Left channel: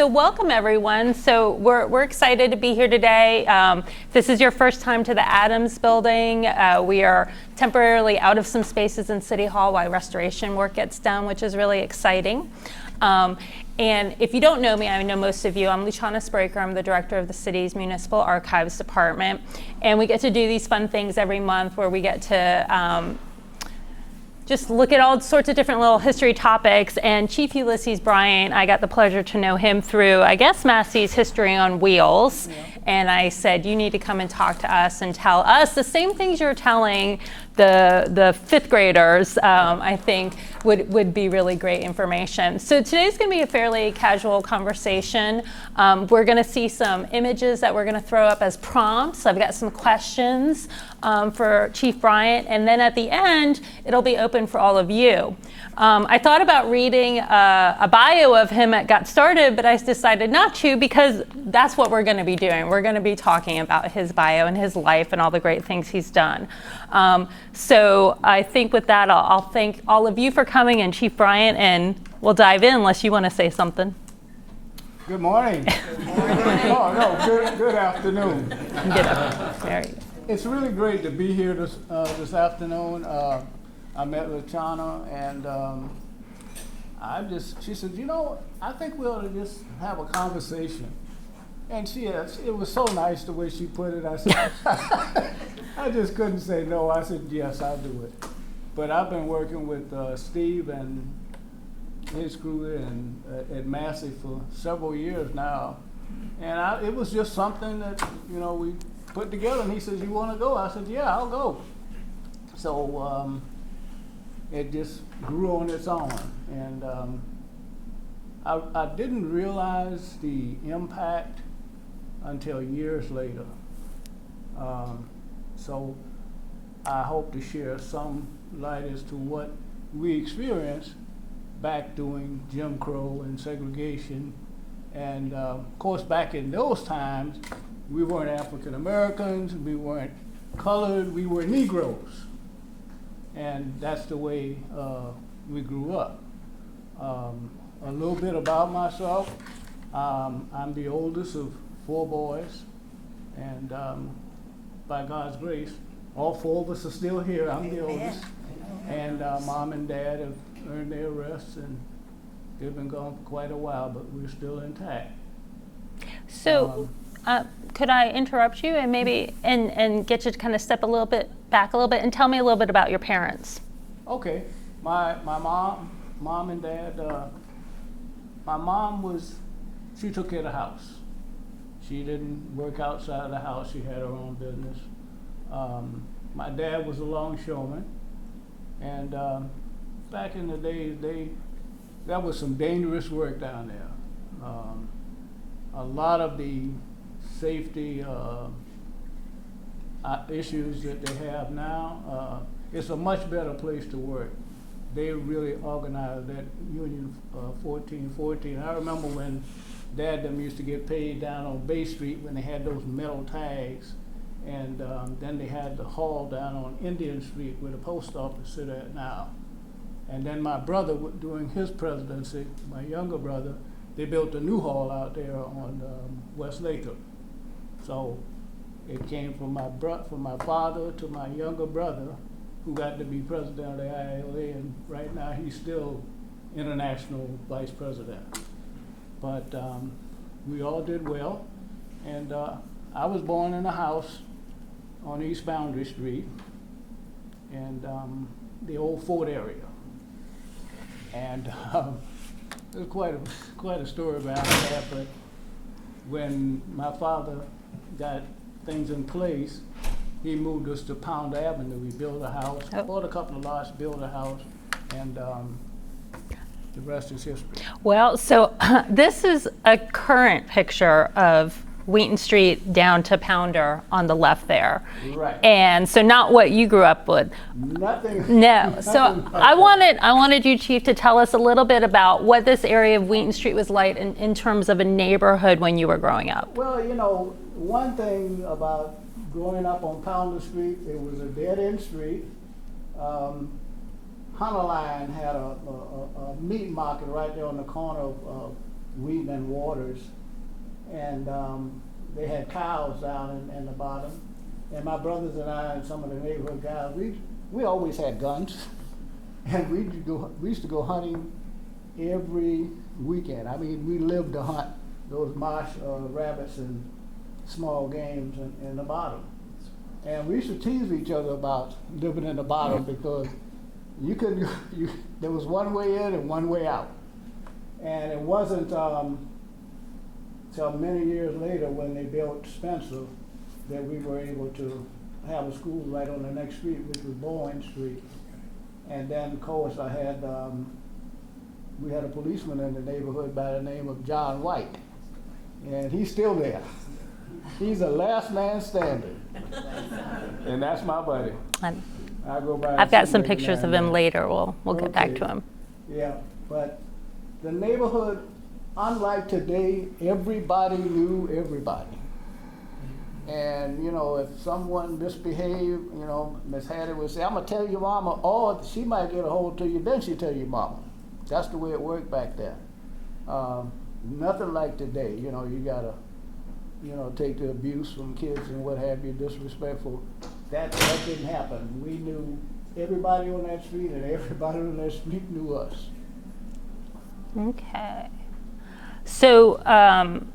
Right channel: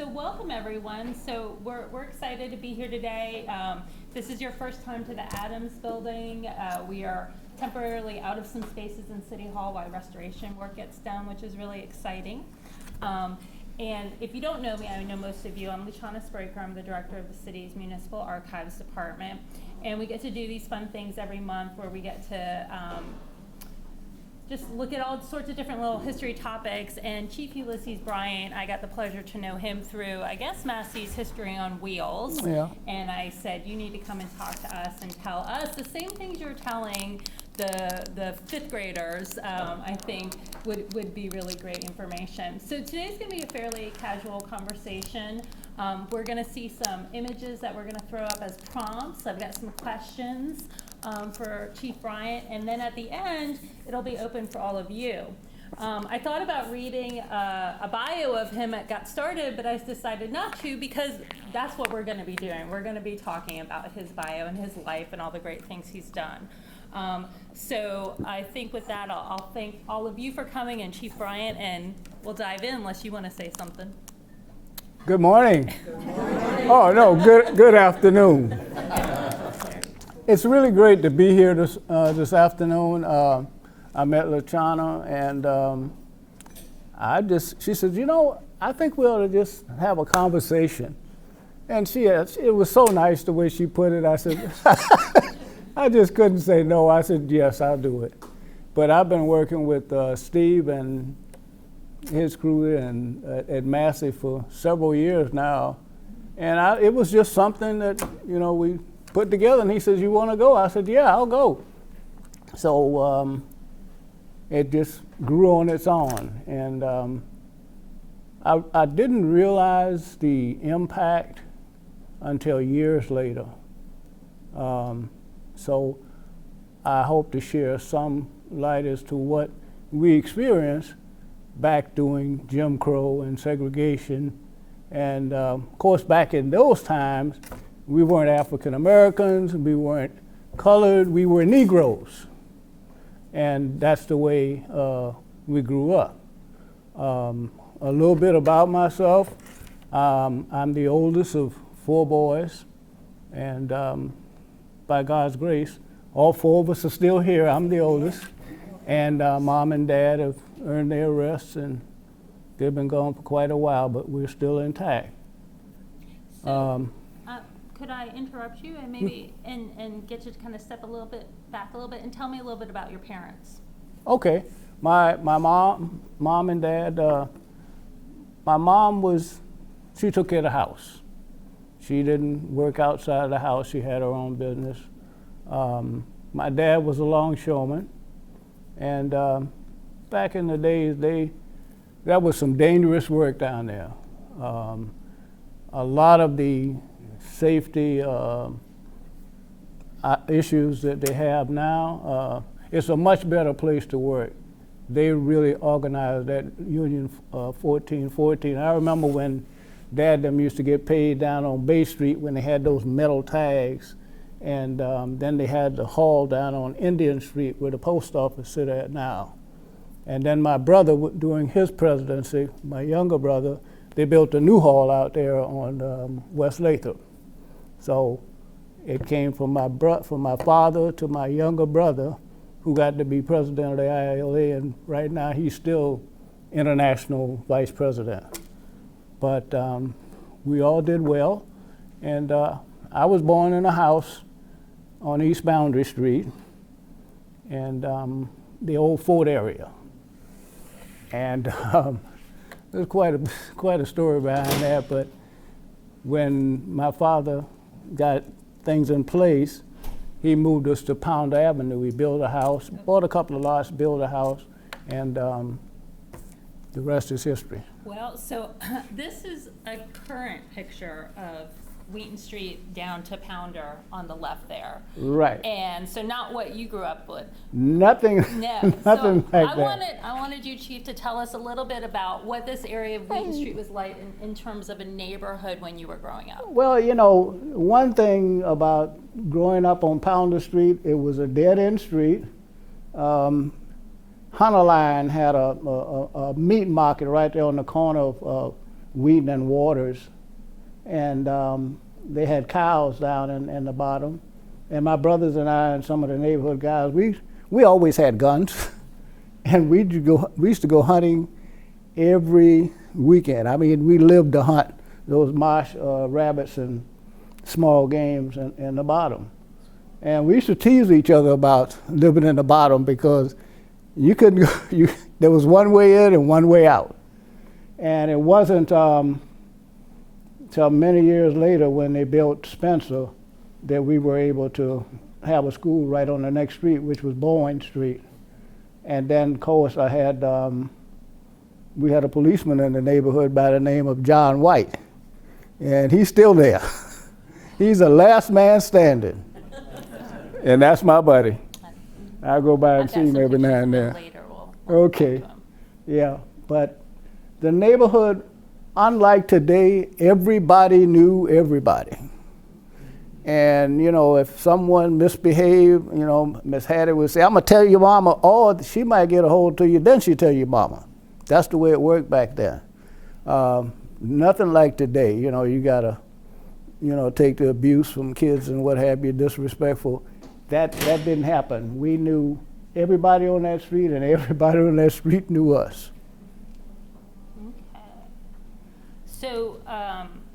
So welcome everyone. So we're excited to be here today. If this is your first time to the Adams building, we are temporarily out of some spaces in City Hall while restoration work gets done, which is really exciting. And if you don't know me, I know most of you, I'm Luciana Spraker. I'm the director of the city's Municipal Archives Department. And we get to do these fun things every month where we get to just look at all sorts of different little history topics. And Chief Ulysses Bryant, I got the pleasure to know him through, I guess, Massey's History on Wheels. Yeah. And I said, you need to come and talk to us and tell us the same things you're telling the fifth graders, I think would be really great information. So today's going to be a fairly casual conversation. We're going to see some images that we're going to throw up as prompts. I've got some questions for Chief Bryant, and then at the end, it'll be open for all of you. I thought about reading a bio of him at Got Started, but I decided not to because that's what we're going to be doing. We're going to be talking about his bio and his life and all the great things he's done. So I think with that, I'll thank all of you for coming and Chief Bryant, and we'll dive in unless you want to say something. Good morning. Oh, no, good afternoon. Good afternoon. It's really great to be here this afternoon. I met Luciana, and she said, you know, I think we ought to just have a conversation. And it was so nice the way she put it. I said, I just couldn't say no. I said, yes, I'll do it. But I've been working with Steve and his crew at Massey for several years now. And it was just something that, we put together. And he says, you want to go? I said, yeah, I'll go. So it just grew on its own. And I didn't realize the impact until years later. So I hope to share some light as to what we experienced back during Jim Crow and segregation. And of course, back in those times, we weren't African Americans, we weren't colored, we were Negroes. And that's the way we grew up. A little bit about myself. I'm the oldest of 4 boys, and by God's grace, all 4 of us are still here. I'm the oldest, and Mom and Dad have earned their rests, and they've been gone for quite a while, but we're still intact. So, could I interrupt you and maybe and get you to kind of step back a little bit and tell me a little bit about your parents? Okay, my mom and dad. My mom she took care of the house. She didn't work outside of the house. She had her own business. My dad was a longshoreman, and back in the days, that was some dangerous work down there. A lot of the safety issues that they have now, it's a much better place to work. They really organized that Union 1414. I remember when Dad them used to get paid down on Bay Street when they had those metal tags, and then they had the hall down on Indian Street where the post office sit at now. And then my brother, during his presidency, my younger brother, they built a new hall out there on West Lathrop. So it came from my father to my younger brother, who got to be president of the ILA, and right now he's still international vice president. But we all did well, and I was born in a house on East Boundary Street, and the old Fort area. And there's quite a story behind that, but when my father got things in place, he moved us to Pound Avenue. We built a house, bought a couple of lots, built a house, and the rest is history. Well, so this is a current picture of Wheaton Street down to Pounder on the left there. Right. And so not what you grew up with. Nothing. No. Nothing So like I wanted you, Chief, to tell us a little bit about what this area of Wheaton Street was like in terms of a neighborhood when you were growing up. Well, one thing about growing up on Pounder Street, it was a dead-end street. Hunter Line had a meat market right there on the corner of Wheaton and Waters, and they had cows down in the bottom. And my brothers and I and some of the neighborhood guys, we always had guns, and we used to go hunting every weekend. I mean, we lived to hunt those marsh rabbits and small games in the bottom. And we used to tease each other about living in the bottom because you couldn't go, there was one way in and one way out. And it wasn't till many years later when they built Spencer that we were able to have a school right on the next street, which was Bowen Street. And then, of course, we had a policeman in the neighborhood by the name of John White, and he's still there. He's the last man standing, and that's my buddy. I'll go by and I've got see some him every pictures now of and him then. later. We'll Okay. get back to him. Yeah, but the neighborhood, unlike today, everybody knew everybody. And, you know, if someone misbehaved, you know, Miss Hattie would say, I'm going to tell your mama, or she might get a hold to you, then she tell your mama. That's the way it worked back then. Nothing like today. You know, you got to, you know, take the abuse from kids and what have you, disrespectful. That didn't happen. We knew everybody on that street, and everybody on that street knew us. Okay. So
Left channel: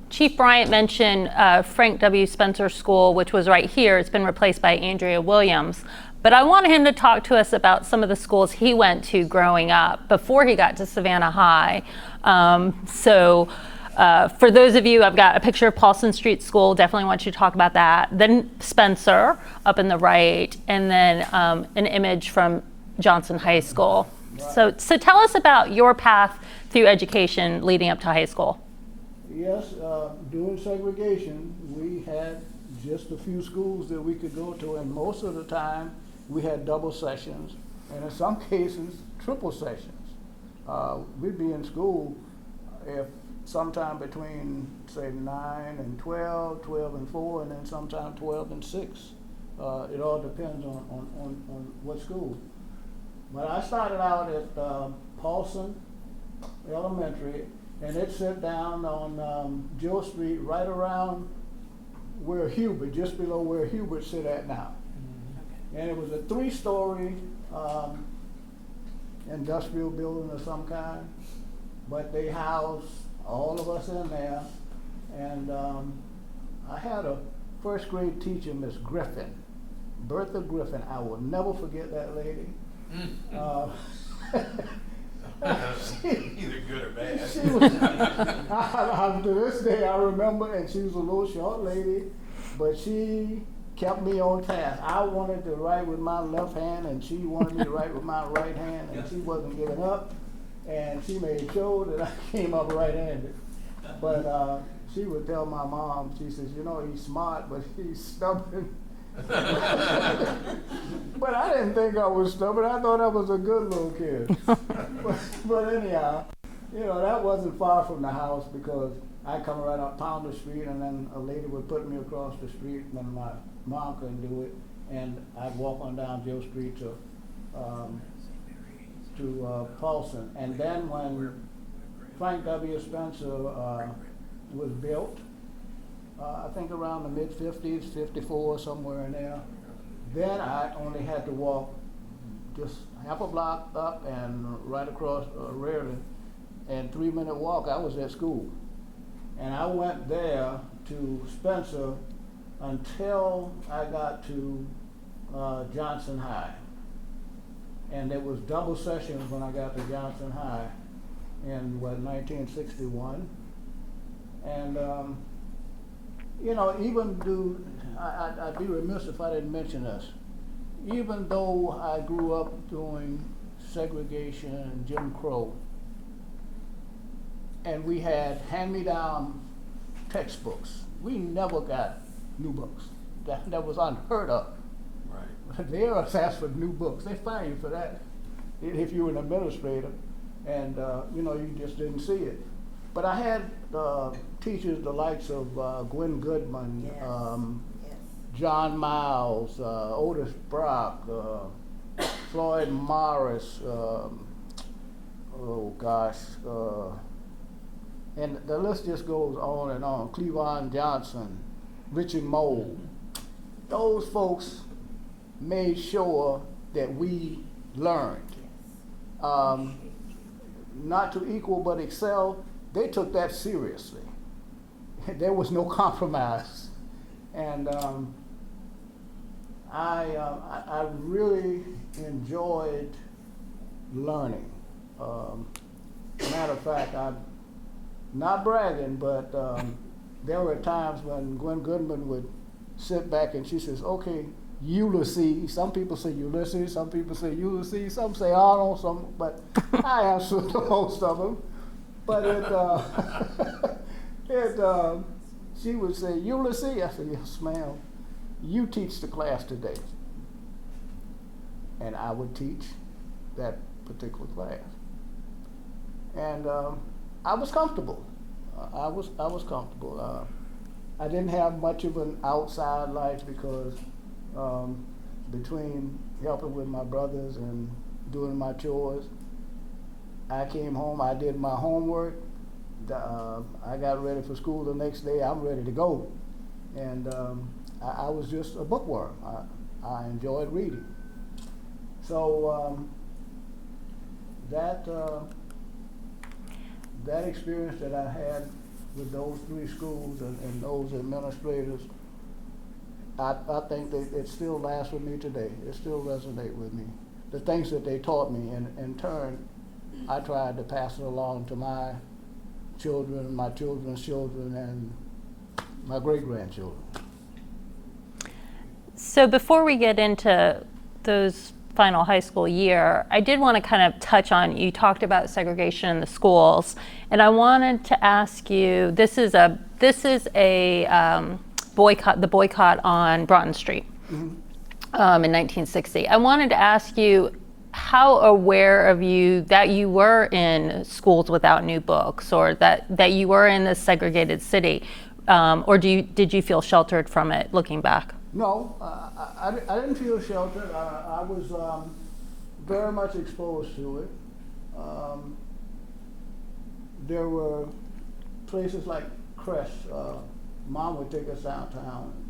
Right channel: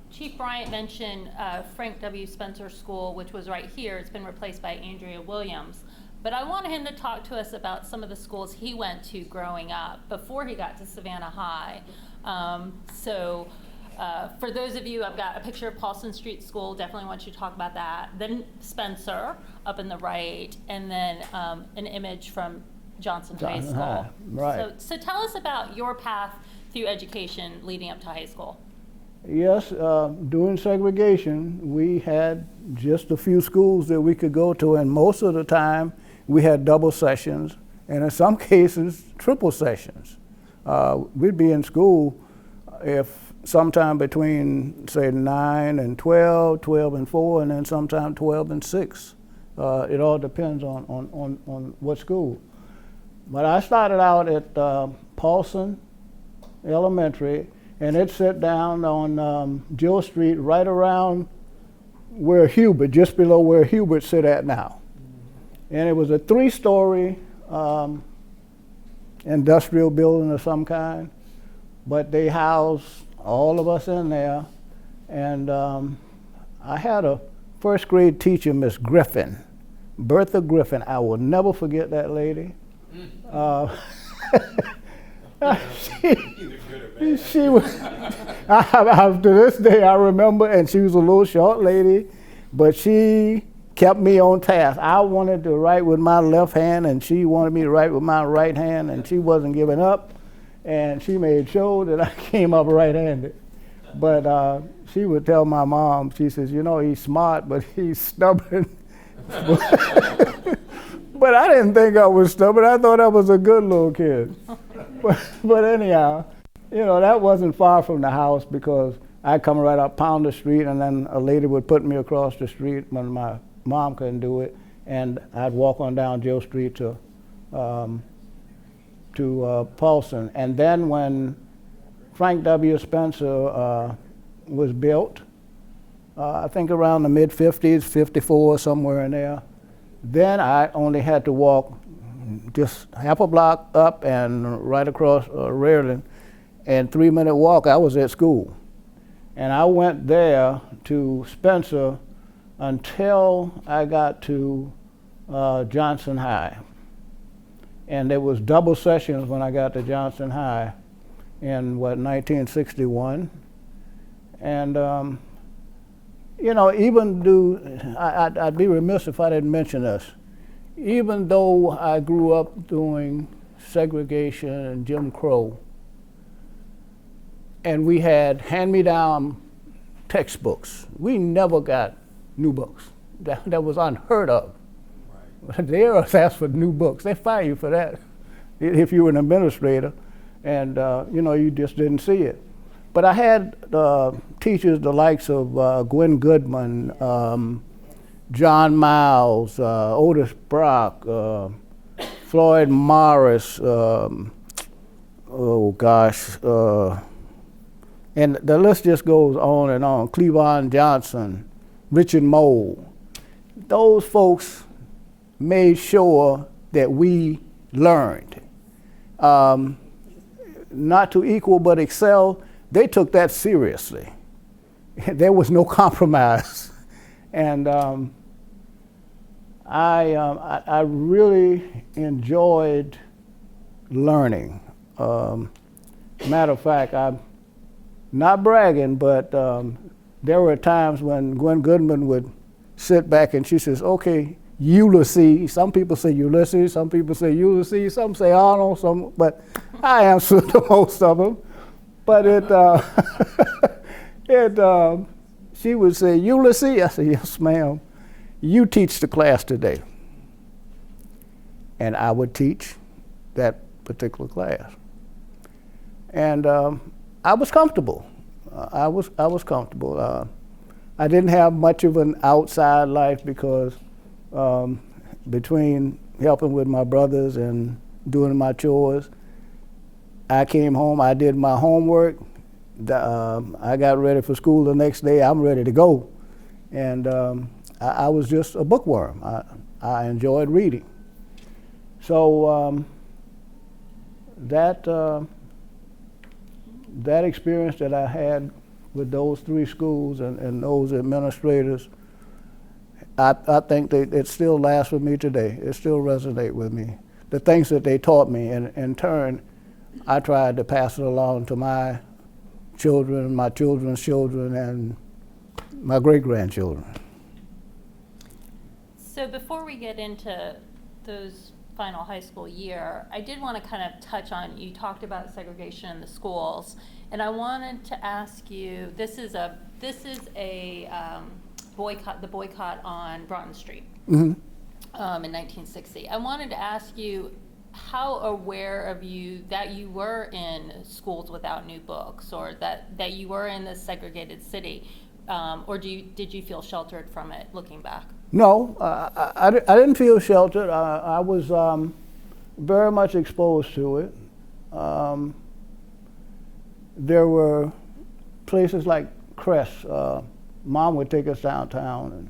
Chief Bryant mentioned Frank W. Spencer School, which was right here. It's been replaced by Andrea Williams. But I wanted him to talk to us about some of the schools he went to growing up before he got to Savannah High. For those of you, I've got a picture of Paulson Street School. Definitely want you to talk about that. Then Spencer up in the right, and then an image from Johnson High School. Right. So tell us about your path through education leading up to high school. Yes, during segregation, we had just a few schools that we could go to, and most of the time we had double sessions, and in some cases, triple sessions. We'd be in school if sometime between, say, 9 and 12, 12 and 4, and then sometime 12 and 6. It all depends on what school. But I started out at Paulson Elementary, and it set down on Jill Street, right around where Hubert, just below where Hubert sit at now. And it was a 3-story industrial building of some kind, but they housed all of us in there. And I had a first grade teacher, Miss Griffin, Bertha Griffin. I will never forget that lady. She was, to this day I remember, and she was a little short lady, but she kept me on task. I wanted to write with my left hand, and she wanted me to write with my right hand, and she wasn't giving up, and she made sure that I came up right-handed. But she would tell my mom, she says, you know, he's smart, but he's stubborn. But I didn't think I was stubborn. I thought I was a good little kid. but anyhow, you know, that wasn't far from the house because I'd come right up Pounder Street, and then a lady would put me across the street when my mom couldn't do it, and I'd walk on down Jill Street to Paulson. And then when Frank W. Spencer was built, I think around the mid-50s, 54, somewhere in there, then I only had to walk just half a block up and right across Rearland, and 3-minute walk, I was at school. And I went there to Spencer until I got to Johnson High. And there was double sessions when I got to Johnson High in, 1961. And, you know, I'd be remiss if I didn't mention this. Even though I grew up doing segregation and Jim Crow, and we had hand-me-down textbooks, we never got new books. That was unheard of. Right. They always ask for new books. They fire you for that if you were an administrator, and you know, you just didn't see it. But I had teachers the likes of Gwen Goodman, John Miles, Otis Brock, Floyd Morris, And the list just goes on and on. Cleavon Johnson, Richard Mole. Those folks made sure that we learned. Not to equal but excel, they took that seriously. There was no compromise. And I really enjoyed learning. Matter of fact, I'm not bragging, but there were times when Gwen Goodman would sit back and she says, okay, Ulysses. Some people say Ulysses, some people say Ulysses, some say Arnold, some, but I answered to most of them. But she would say, Ulysses? I said, yes, ma'am. You teach the class today. And I would teach that particular class. And I was comfortable. I was comfortable. I didn't have much of an outside life because between helping with my brothers and doing my chores, I came home, I did my homework, I got ready for school the next day, I'm ready to go. And I was just a bookworm. I enjoyed reading. So that experience that I had with those 3 schools and those administrators, I think it still lasts with me today. It still resonates with me. The things that they taught me, and in turn, I tried to pass it along to my children, my children's children, and my great-grandchildren. So before we get into those final high school year, I did want to kind of touch on, you talked about segregation in the schools, and I wanted to ask you, this is a boycott, the boycott on Broughton Street in 1960. I wanted to ask you, how aware of you that you were in schools without new books, or that you were in this segregated city, or did you feel sheltered from it looking back? No, I didn't feel sheltered. I was very much exposed to it. There were places like Crest. Mom would take us downtown,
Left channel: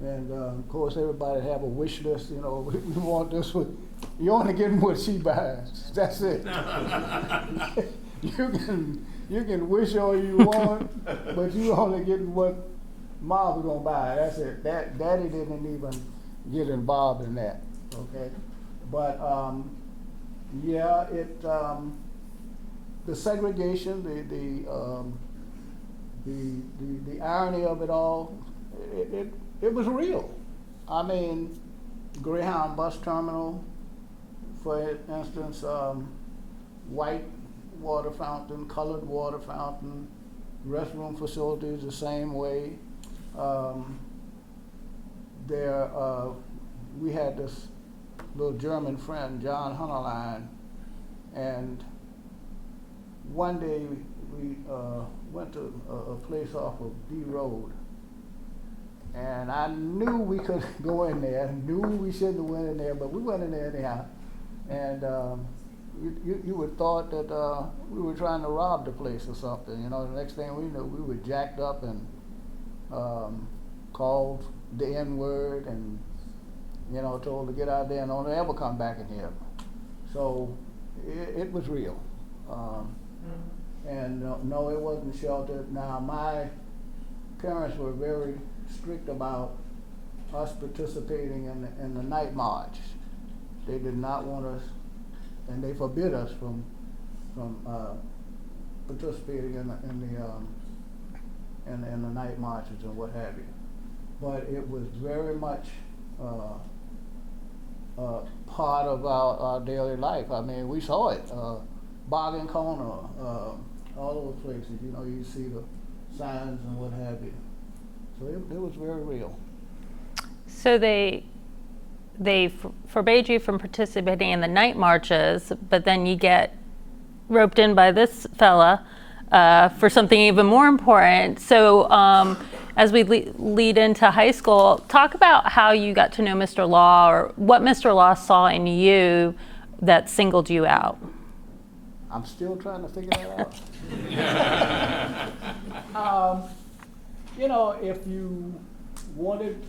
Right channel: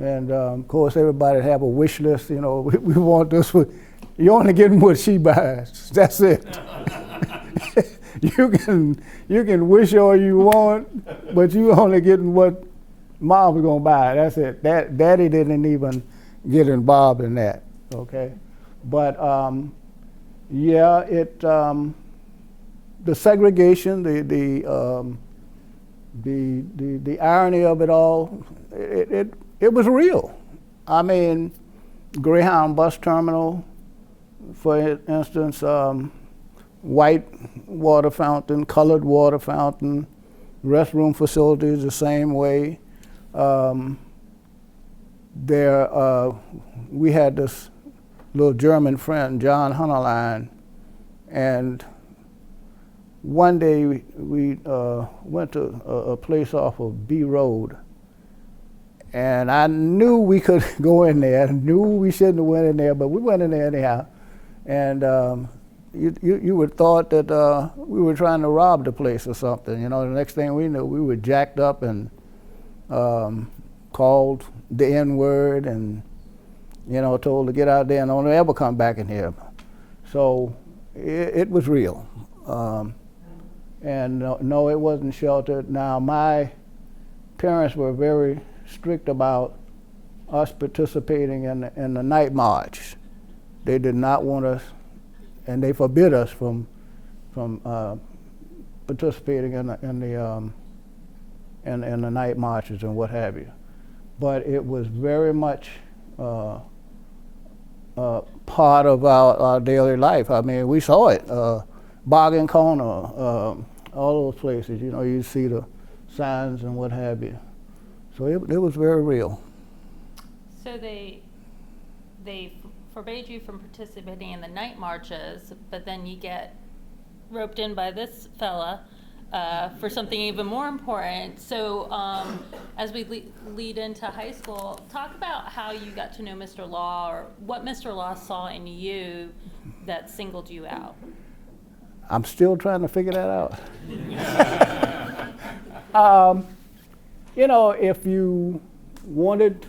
and of course everybody have a wish list. You know, we want this. You only getting what she buys. That's it. You can wish all you want, but you only getting what Mom's gonna buy. That's it. Daddy didn't even get involved in that. Okay, but yeah, the segregation, the irony of it all, it was real. I mean, Greyhound bus terminal, for instance, white water fountain, colored water fountain, restroom facilities the same way. We had this little German friend, John Hunterline, and one day we went to a place off of B Road, and I knew we could go in there. I knew we shouldn't have went in there, but we went in there anyhow. And you would thought that we were trying to rob the place or something. You know, the next thing we knew, we were jacked up and called the N-word and, you know, told to get out there and don't ever come back in here. So it was real. And no, it wasn't sheltered. Now, my parents were very strict about us participating in the night march. They did not want us, and they forbid us from participating in the night marches and what have you. But it was very much part of our daily life. I mean, we saw it. Bargain Corner, all those places, you know, you see the signs and what have you. So it was very real. So they forbade you from participating in the night marches, but then you get roped in by this fella for something even more important. So as we lead into high school, talk about how you got to know Mr. Law, or what Mr. Law saw in you that singled you out. I'm still trying to figure that out. You know, if you wanted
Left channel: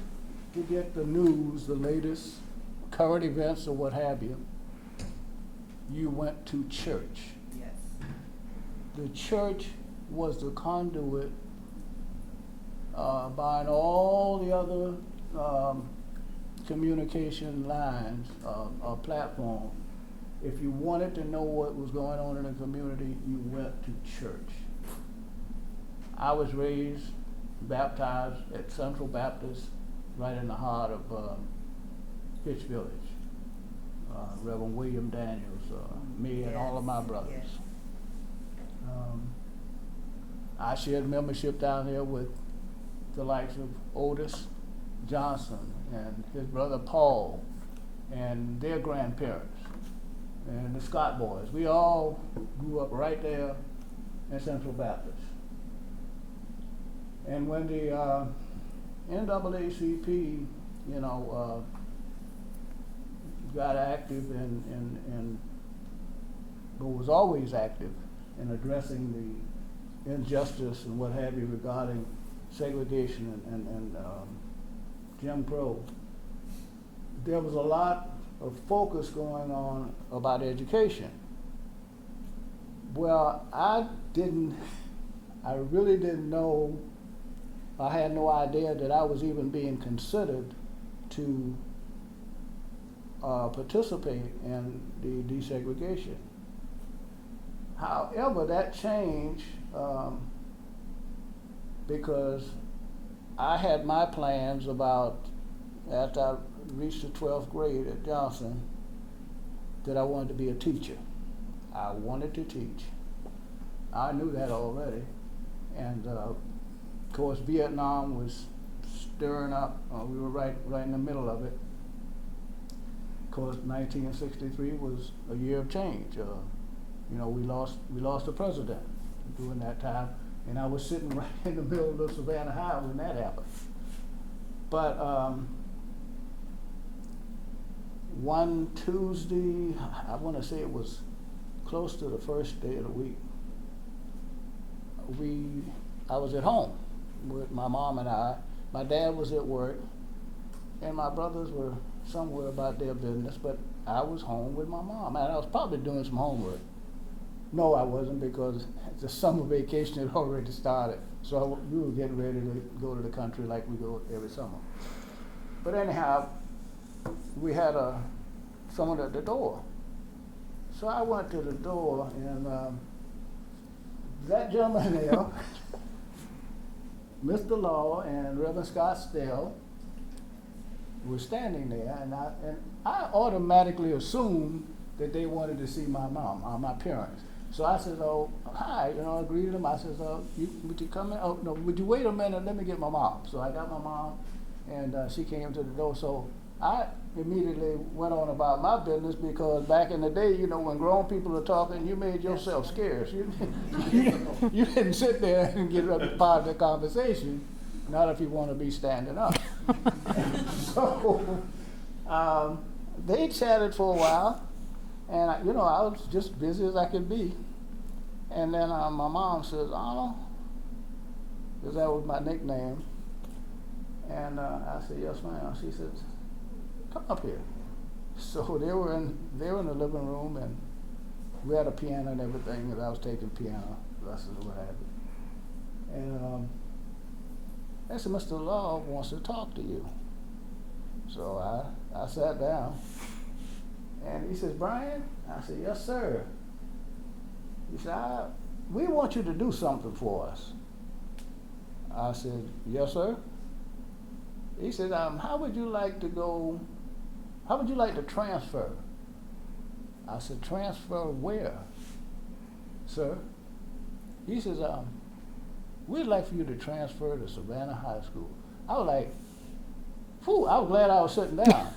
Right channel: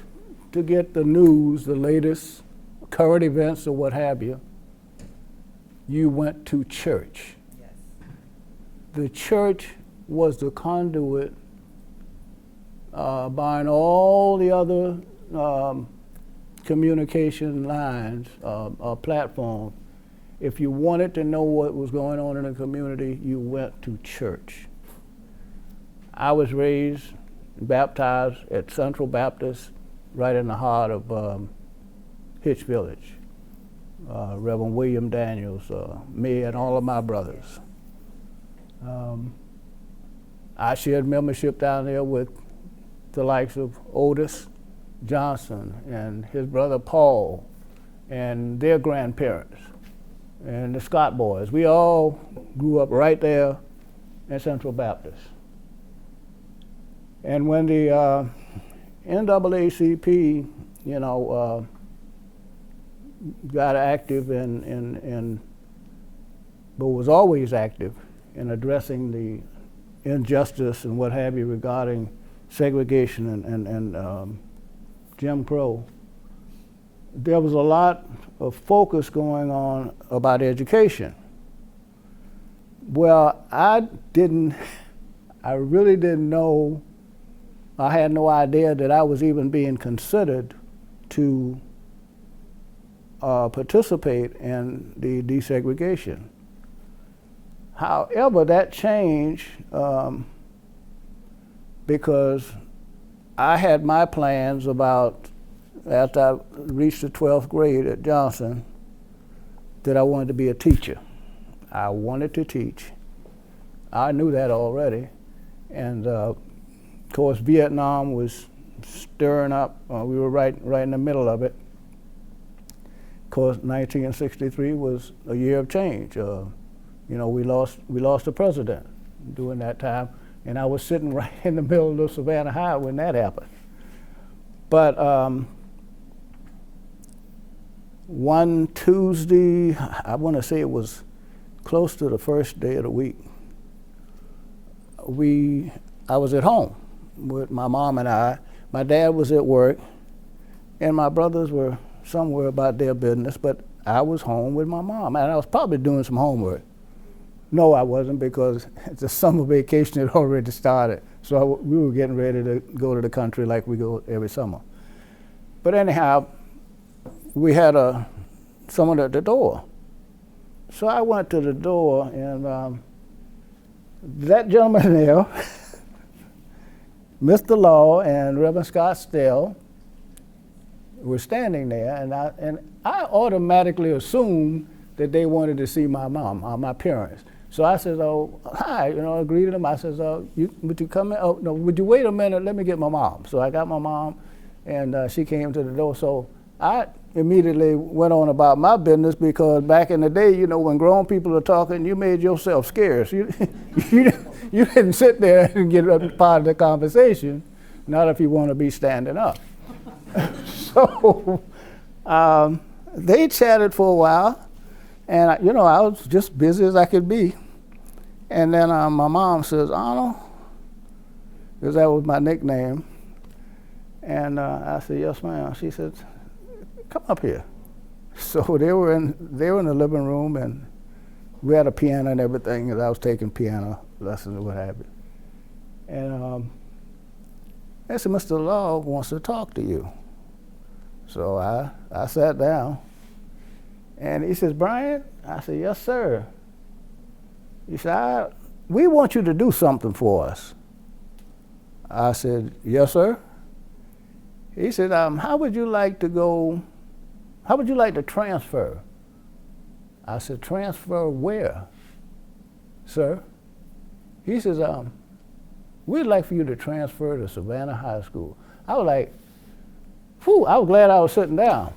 to get the news, the latest current events or what have you, you went to church. Yes. The church was the conduit behind all the other communication lines or platforms. If you wanted to know what was going on in the community, you went to church. I was raised, baptized at Central Baptist, right in the heart of Hitch Village. Reverend William Daniels, me and all of my brothers. I shared membership down there with the likes of Otis Johnson and his brother Paul and their grandparents and the Scott boys. We all grew up right there at Central Baptist. And when the NAACP, you know, got active but was always active in addressing the injustice and what have you regarding segregation and Jim Crow, there was a lot of focus going on about education. Well, I really didn't know, I had no idea that I was even being considered to participate in the desegregation. However, that changed because I had my plans about, after I reached the 12th grade at Johnson, that I wanted to be a teacher. I wanted to teach. I knew that already. And of course, Vietnam was stirring up. We were right in the middle of it. Of course, 1963 was a year of change. You know, we lost a president during that time, and I was sitting right in the middle of Savannah High when that happened. But one Tuesday, I want to say it was close to the first day of the week, I was at home with my mom and I. My dad was at work, and my brothers were somewhere about their business, but I was home with my mom, and I was probably doing some homework. No, I wasn't, because the summer vacation had already started, so we were getting ready to go to the country like we go every summer. But anyhow, we had someone at the door. So I went to the door, and that gentleman there, Mr. Law and Reverend Scott Stell, were standing there, and I automatically assumed that they wanted to see my mom, my parents. So I said, "Oh, hi," you know, I greeted them. I said, "Would you come in? Oh, no, would you wait a minute? Let me get my mom." So I got my mom, and she came to the door. So I immediately went on about my business, because back in the day, you know, when grown people are talking, you made yourself scarce. You didn't sit there and get a part of the conversation, not if you want to be standing up. So they chatted for a while, and you know, I was just busy as I could be. And then my mom says, "Arnold," because that was my nickname. And I said, "Yes, ma'am." She said, "Come up here." So they were in the living room, and we had a piano and everything, because I was taking piano lessons and what have you. And I said, "Mr. Law wants to talk to you." So I sat down, and he says, "Bryan?" I said, "Yes, sir." He said, "We want you to do something for us." I said, "Yes, sir." He said, how would you like to transfer?" I said, "Transfer where, sir?" He says, "We'd like for you to transfer to Savannah High School." I was like, whew, I was glad I was sitting down.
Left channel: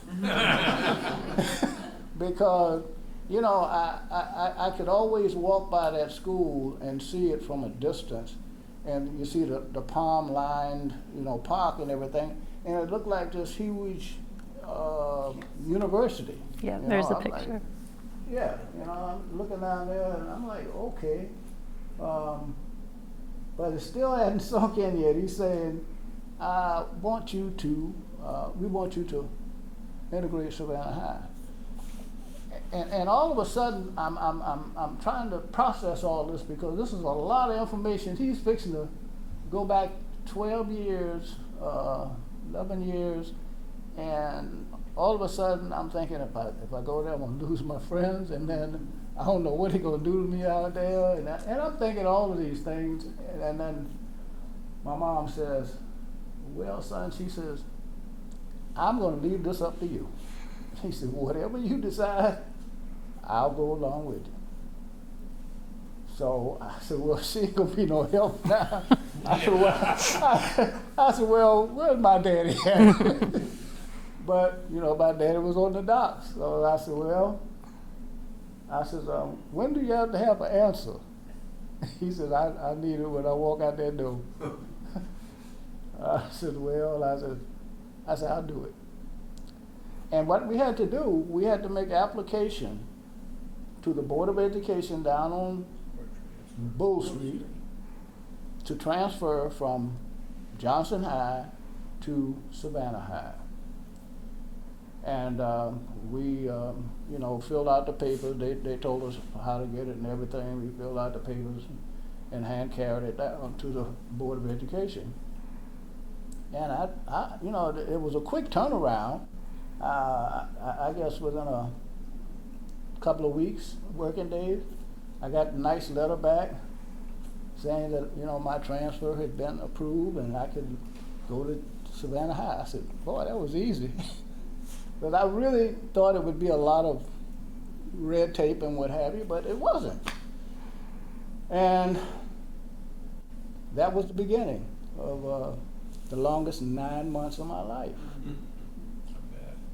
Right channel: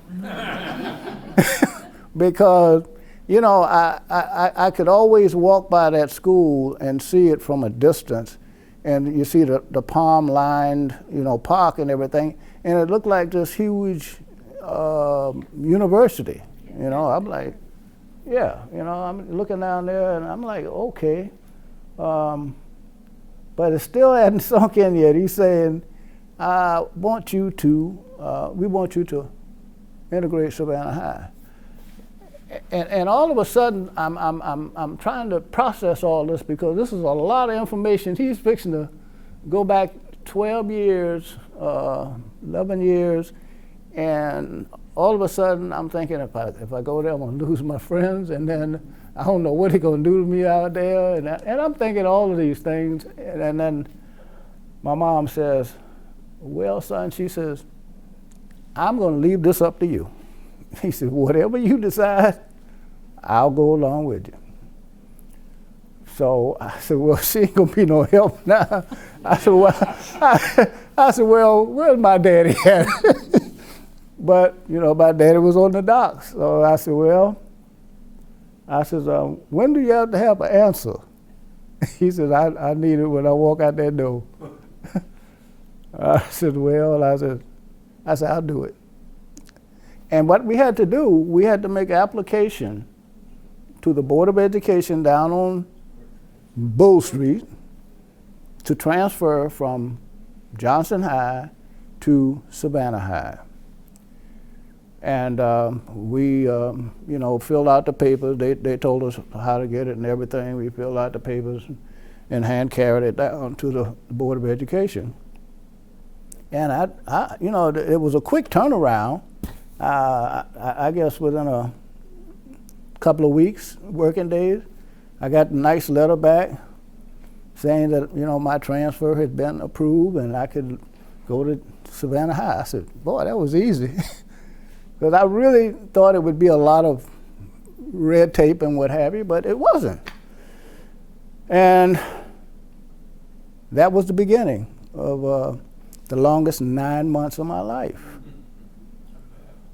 Because, you know, I could always walk by that school and see it from a distance, and you see the palm-lined, you know, park and everything, and it looked like this huge university. Yeah, you there's know, a I'm picture. like, Yeah, you know, I'm looking down there and I'm like, okay. But it still hadn't sunk in yet. He's saying, we want you to integrate Savannah High. And all of a sudden, I'm trying to process all this because this is a lot of information. He's fixing to go back 12 years, 11 years, and all of a sudden I'm thinking if I go there, I'm gonna lose my friends, and then I don't know what they're gonna do to me out there, and I'm thinking all of these things, and then my mom says, well, son, she says, I'm gonna leave this up to you. He said, whatever you decide, I'll go along with you. So I said, well, she ain't gonna be no help now. I said, well, where's my daddy at? But, you know, my daddy was on the docks. So I said, well, when do you have to have an answer? He said, I need it when I walk out that door. I said, well, I said, I'll do it. And what we had to do, we had to make an application to the Board of Education down on Bull Street to transfer from Johnson High to Savannah High. And we, you know, filled out the papers. They told us how to get it and everything. We filled out the papers and hand carried it down to the Board of Education. And I you know, it was a quick turnaround. I guess within a couple of weeks, working days, I got a nice letter back saying that, you know, my transfer had been approved and I could go to Savannah High. I said, boy, that was easy. Because I really thought it would be a lot of red tape and what have you, but it wasn't. And that was the beginning of the longest 9 months of my life.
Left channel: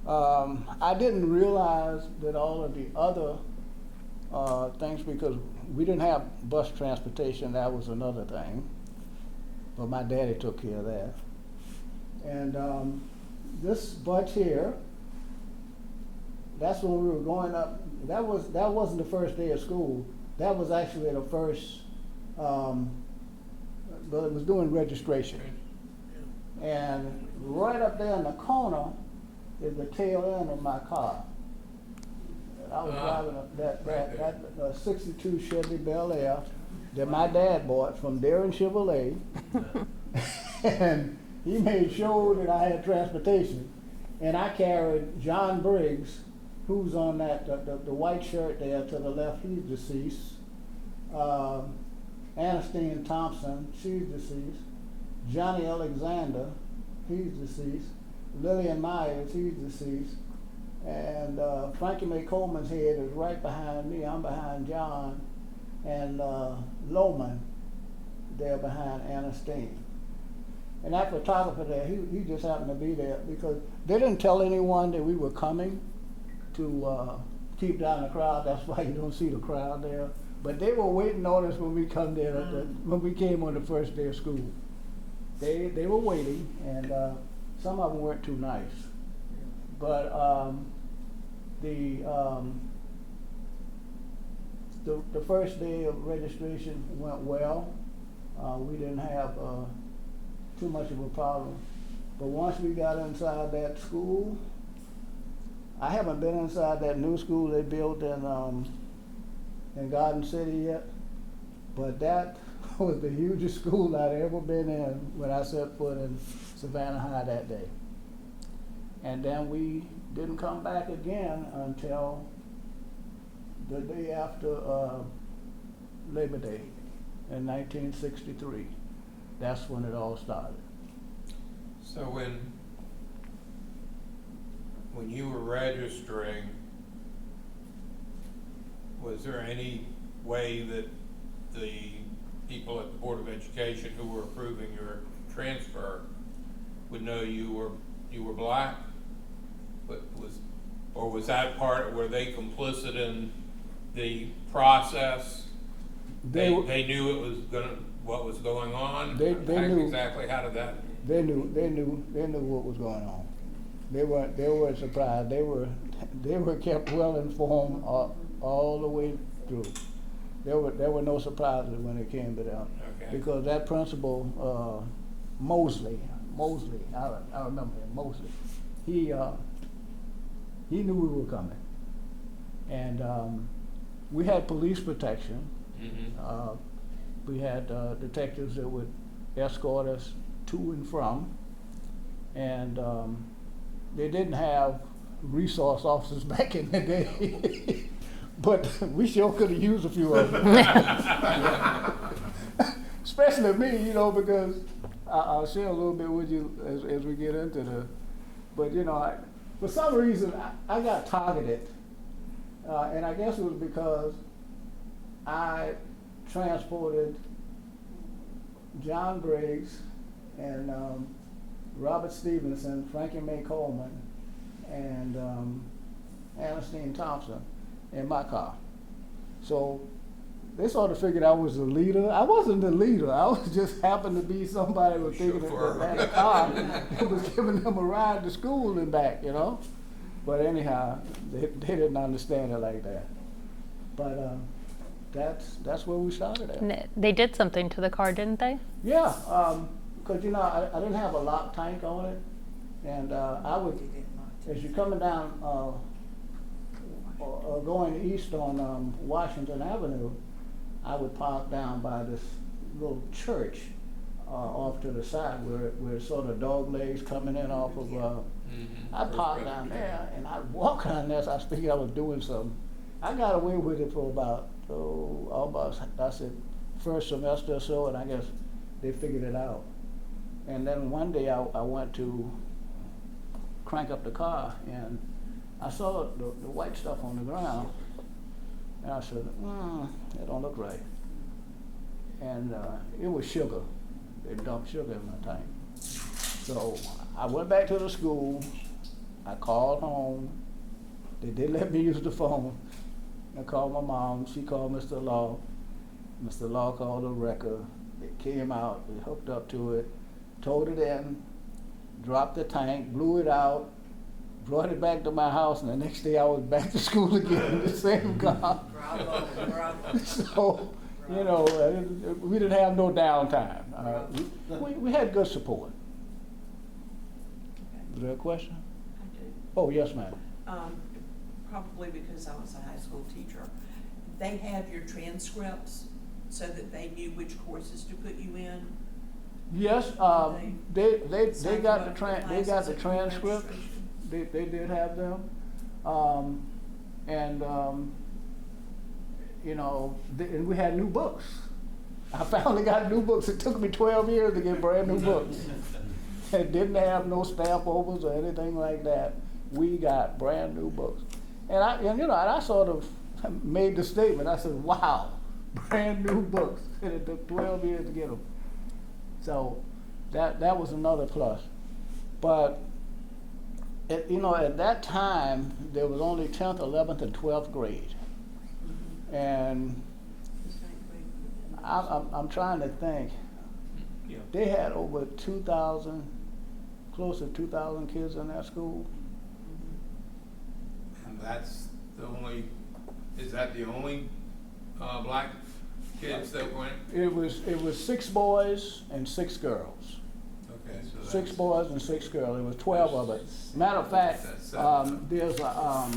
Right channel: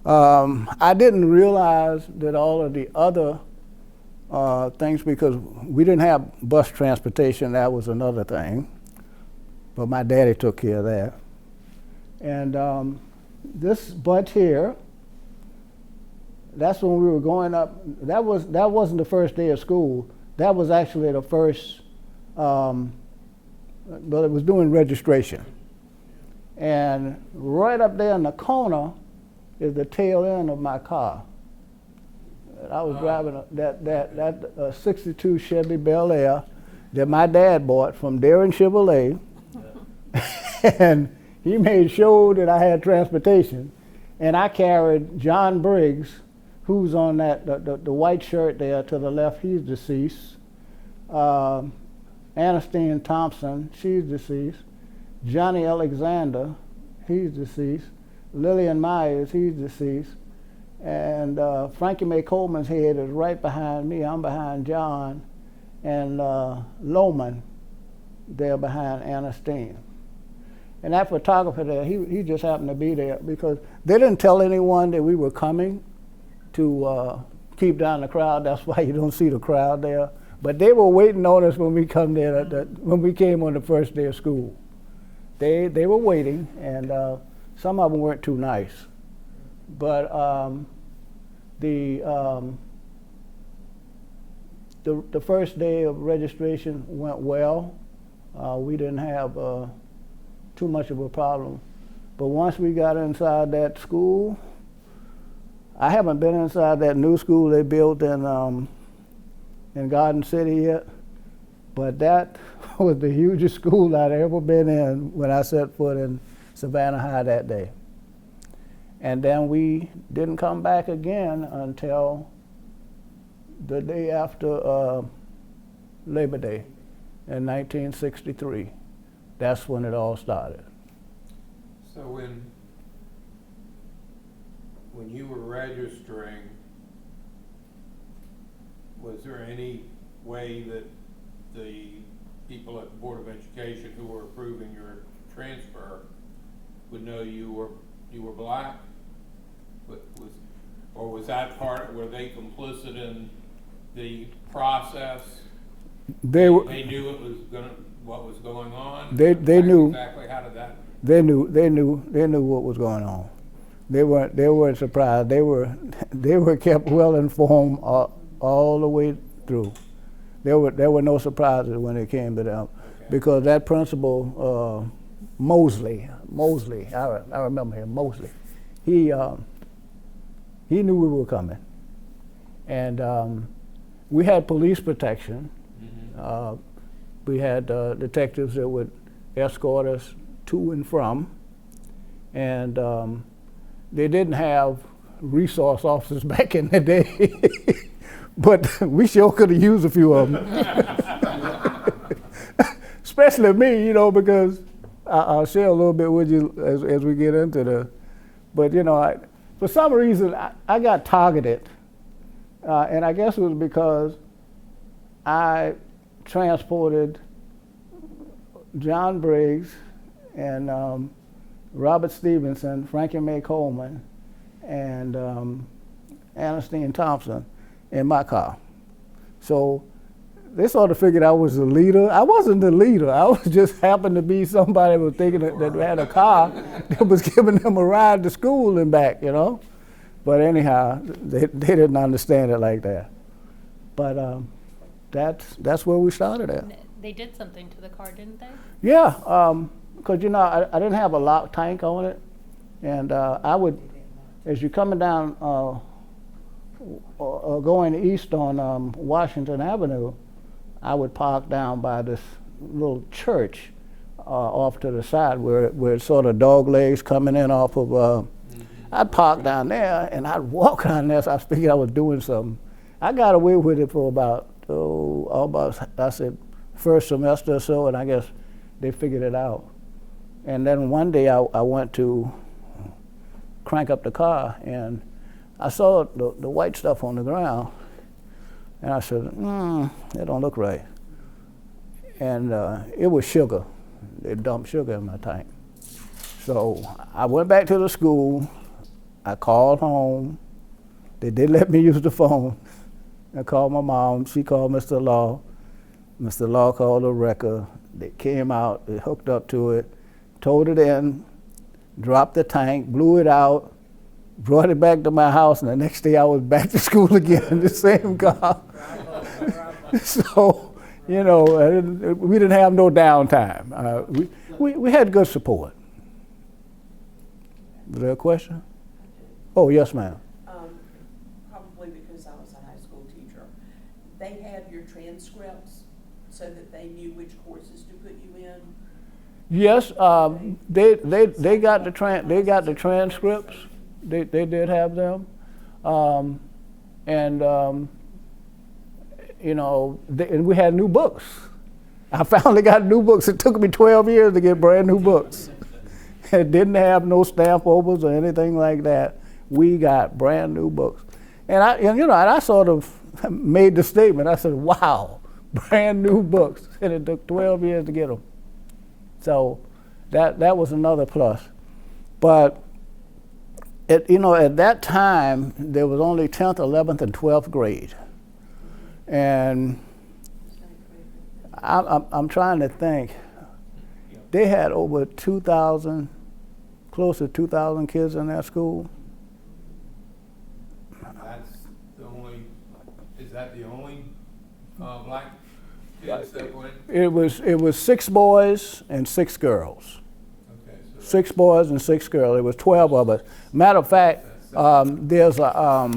I didn't realize that all of the other things, because we didn't have bus transportation, that was another thing. But my daddy took care of that. And this bunch here, that's when we were going up. That wasn't the first day of school. That was actually the first, but it was doing registration. And right up there in the corner is the tail end of my car. And I was driving that 62 Chevy Bel Air that my dad bought from Darren Chevrolet. And he made sure that I had transportation. And I carried John Briggs, who's on that the white shirt there to the left, he's deceased. Ernestine Thompson, she's deceased. Johnny Alexander, he's deceased. Lillian Myers, he's deceased. And Frankie Mae Coleman's head is right behind me. I'm behind John. And Loman, there behind Ernestine. And that photographer there, he just happened to be there because they didn't tell anyone that we were coming to keep down the crowd. That's why you don't see the crowd there. But they were waiting on us when we come there, when we came on the first day of school. They were waiting, and some of them weren't too nice. But the first day of registration went well. We didn't have too much of a problem. But once we got inside that school, I haven't been inside that new school they built in Garden City yet, but that was the hugest school I'd ever been in when I set foot in Savannah High that day. And then we didn't come back again until the day after Labor Day in 1963. That's when it all started. So when you were registering, was there any way that the people at the Board of Education who were approving your transfer would know you were black? Or was that part, were they complicit in the process? They knew it was what was going on? They knew exactly. How did that? They knew what was going on. They weren't surprised. They were kept well informed all the way through. There were no surprises when it came to them, Okay. because that principal, Mosley, I remember him, Mosley. He knew we were coming, and we had police protection. Mm-hmm. We had detectives that would escort us to and from, and they didn't have resource officers back in the day, but we sure could have used a few of them. Especially me, you know, because I'll share a little bit with you as we get into the, but you know, for some reason I got targeted, and I guess it was because I transported John Briggs and Robert Stevenson, Frankie Mae Coleman, and Ernestine Thompson in my car. So they sort of figured I was the leader. I wasn't the leader. I was just happened to be somebody that was thinking that had a car that was giving them a ride to school and back, you know. But anyhow, they didn't understand it like that. But that's where we started at. And they did something to the car, didn't they? Yeah, because you know I didn't have a lock tank on it, and I would, as you're coming down or going east on Washington Avenue, I would park down by this little church off to the side where it's sort of dog legs coming in off of. I'd park down there and I'd walk down there. So I was thinking I was doing something. I got away with it for about I said first semester or so, and I guess they figured it out. And then one day I went to crank up the car and I saw the white stuff on the ground, and I said, that don't look right. And it was sugar. They dumped sugar in my tank. So I went back to the school. I called home. They did let me use the phone. I called my mom. She called Mr. Law. Mr. Law called the wrecker. They came out. They hooked up to it, towed it in, dropped the tank, blew it out, brought it back to my house, and the next day I was back to school again in the same car. So, you know, we didn't have no downtime. We had good support. Is there a question? I do. Oh, yes, ma'am. Probably because I was a high school teacher. They have your transcripts so that they knew which courses to put you in. Yes, they got the transcripts. They did have them, you know, and we had new books. I finally got new books. It took me 12 years to get brand new books. It didn't have no stamp overs or anything like that. We got brand new books, and I sort of made the statement. I said, "Wow, brand new books," and it took 12 years to get them. So that was another plus, but. At that time, there was only 10th, 11th, and 12th grade. And I'm trying to think. They had over 2,000, close to 2,000 kids in that school. Is that the only black kids that went? It was 6 boys and 6 girls. 6 boys and 6 girls. It was 12 of us. Matter of fact, there's a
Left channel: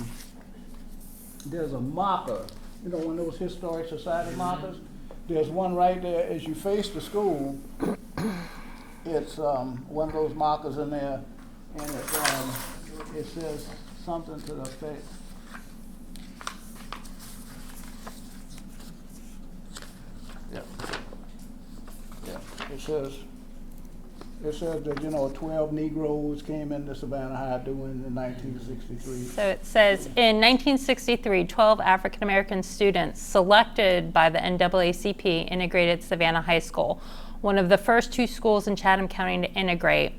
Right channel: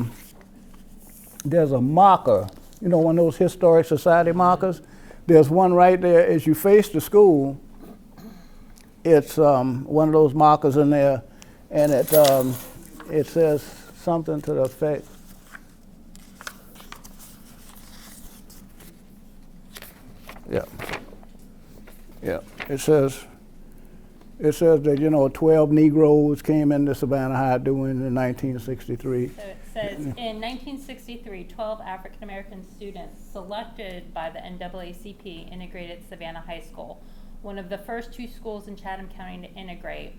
marker. You know, one of those historic society markers. There's one right there as you face the school. It's one of those markers in there, and it says something to the effect. Yeah. It says that 12 Negroes came into Savannah High doing in 1963. So it says, in 1963, 12 African American students selected by the NAACP integrated Savannah High School, one of the first 2 schools in Chatham County to integrate.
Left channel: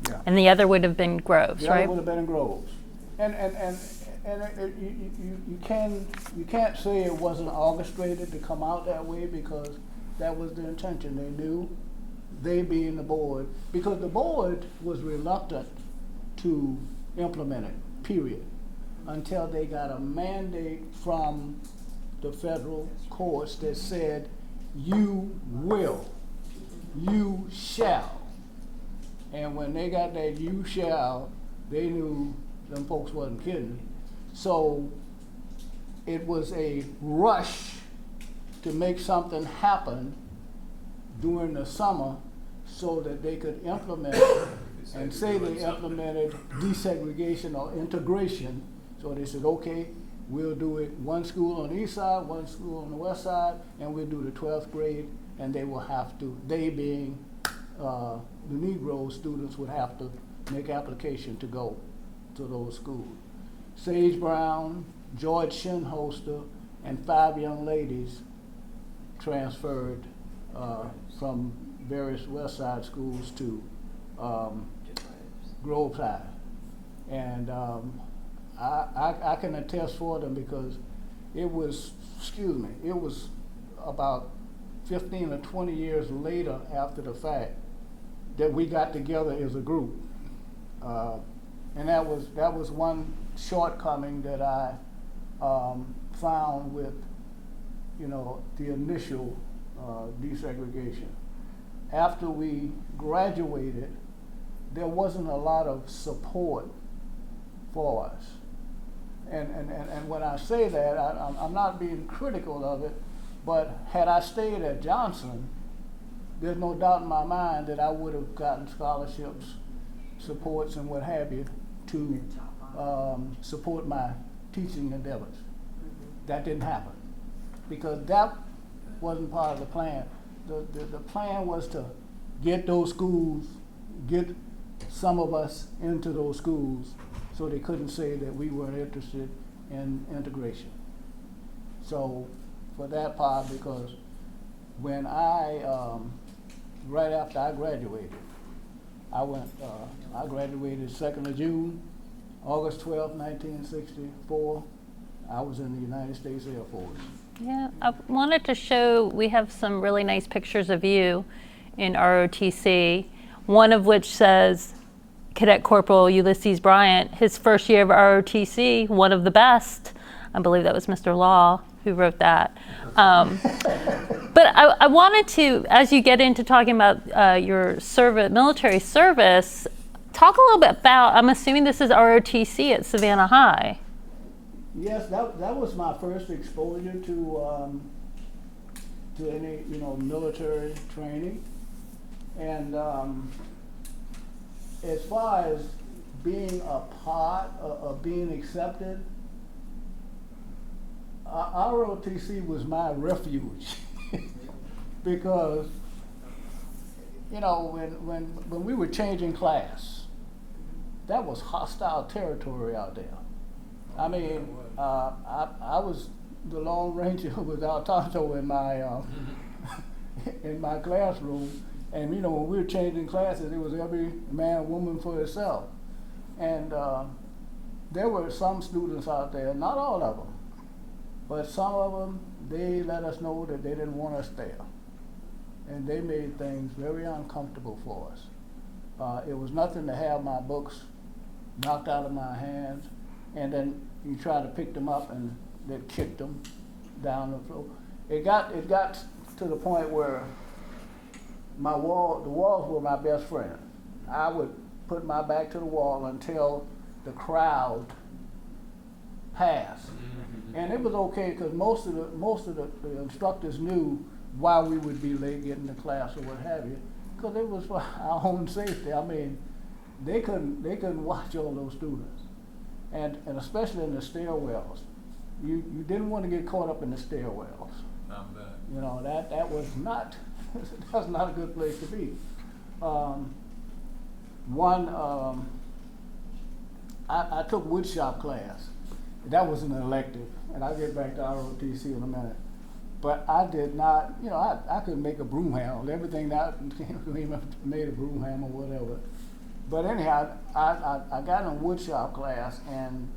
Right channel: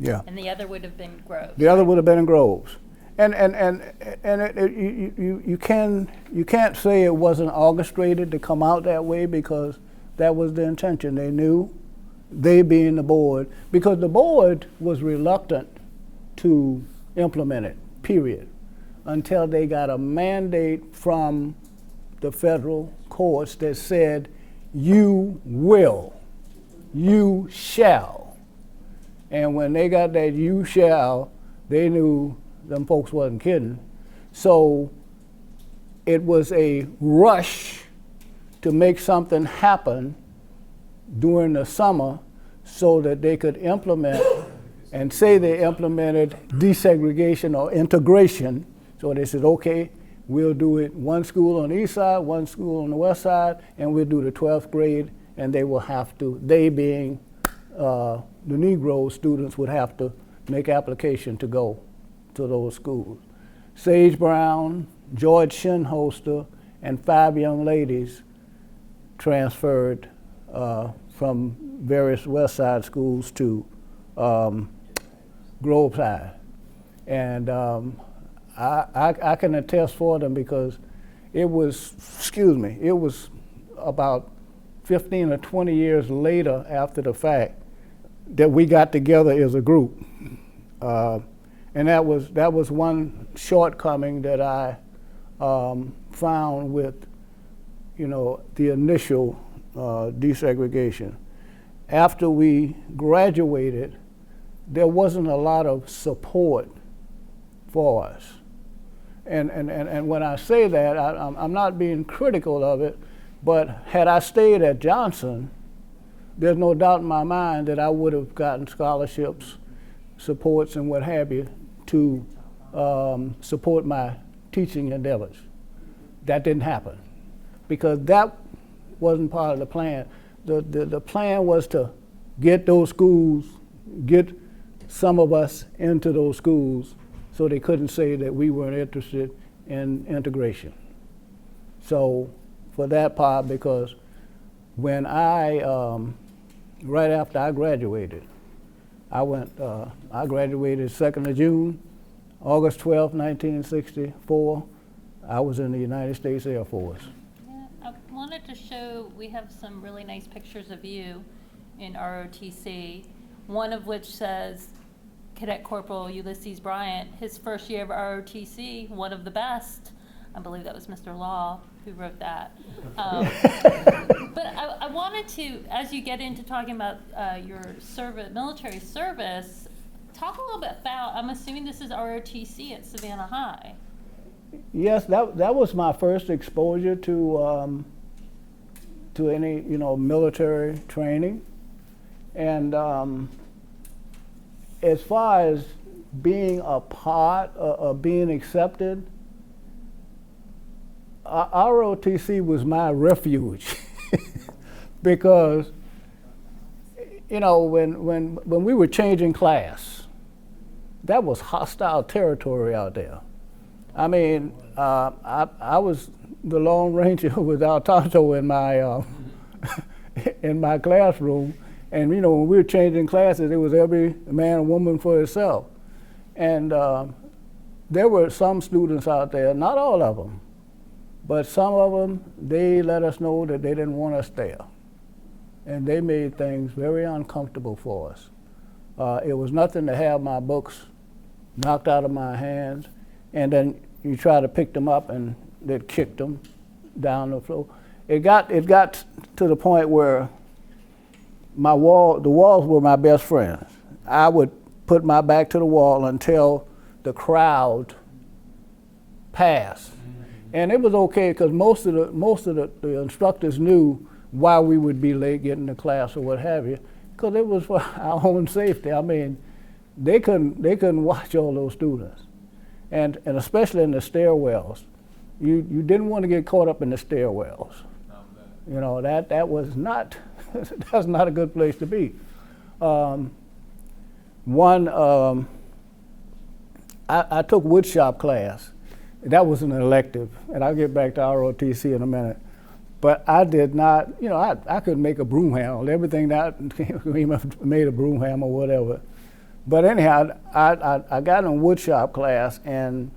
Yeah. And the other would have been Groves. The other right? would have been in Groves. And you can't say it wasn't orchestrated to come out that way, because that was the intention. They knew. They being the board, because the board was reluctant to implement it, period. until they got a mandate from the federal courts that said, you will, you shall. And when they got that you shall, they knew them folks wasn't kidding. So it was a rush to make something happen during the summer so that they could implement and say they implemented desegregation or integration. So they said, okay, we'll do it one school on the east side, one school on the west side, and we'll do the 12th grade, and they will have to, they being the Negro students, would have to make application to go to those schools. Sage Brown, George Shinholster, and 5 young ladies transferred from various West Side schools to Grove Side. And I can attest for them because it was, it was about 15 or 20 years later after the fact that we got together as a group. And that was one shortcoming that I found with, the initial desegregation. After we graduated, there wasn't a lot of support for us. And when I say that, I'm not being critical of it, but had I stayed at Johnson, there's no doubt in my mind that I would have gotten scholarships, supports, and what have you to support my teaching endeavors. That didn't happen because that wasn't part of the plan. The plan was to get those schools, get some of us into those schools so they couldn't say that we weren't interested in integration. So for that part, because when right after I graduated, I graduated 2nd of June, August 12, 1964, I was in the United States Air Force. Yeah, I wanted to show, we have some really nice pictures of you in ROTC, one of which says Cadet Corporal Ulysses Bryant, his first year of ROTC, one of the best. I believe that was Mr. Law who wrote that. But I wanted to, as you get into talking about your military service, talk a little bit about, I'm assuming this is ROTC at Savannah High. Yes, that was my first exposure to any military training, and as far as being a part of being accepted, ROTC was my refuge because when we were changing class, that was hostile territory out there. I mean, I was the Lone Ranger without Tonto in my in my classroom, and when we were changing classes, it was every man and woman for itself. And there were some students out there, not all of them, but some of them, they let us know that they didn't want us there, and they made things very uncomfortable for us. It was nothing to have my books knocked out of my hands, and then you try to pick them up and they kicked them down the floor. It got to the point where the walls were my best friends. I would put my back to the wall until the crowd passed. And it was okay because most of the instructors knew why we would be late getting to class or what have you, because it was for our own safety. I mean, they couldn't watch all those students. And especially in the stairwells, you didn't want to get caught up in the stairwells. That was not that's not a good place to be. I took woodshop class. That was an elective, and I'll get back to ROTC in a minute. But I did not, I could make a broom handle. Everything that made a broom handle or whatever. But anyhow, I got in woodshop class, and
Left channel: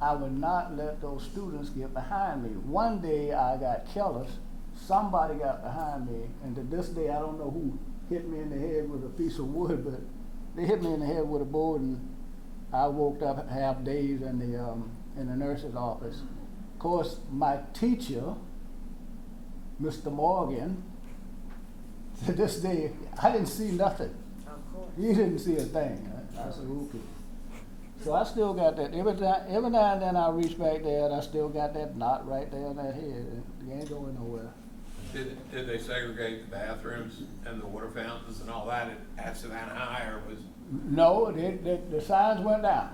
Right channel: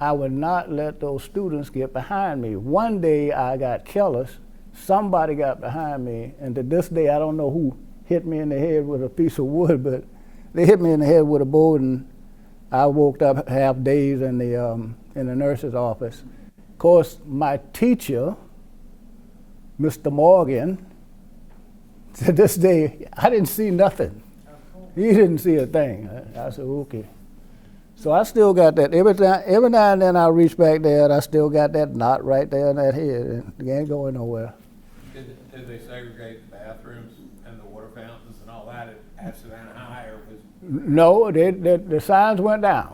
I would not let those students get behind me. One day I got careless. Somebody got behind me, and to this day I don't know who hit me in the head with a piece of wood, but they hit me in the head with a board, and I woke up half days in the nurse's office. Of course, my teacher, Mr. Morgan, to this day, I didn't see nothing. Of course. He didn't see a thing. I said, okay. So I still got that. Every now and then I reach back there and I still got that knot right there in that head. It ain't going nowhere. Did they segregate the bathrooms and the water fountains and all that at Savannah High, or was? No, the signs went down.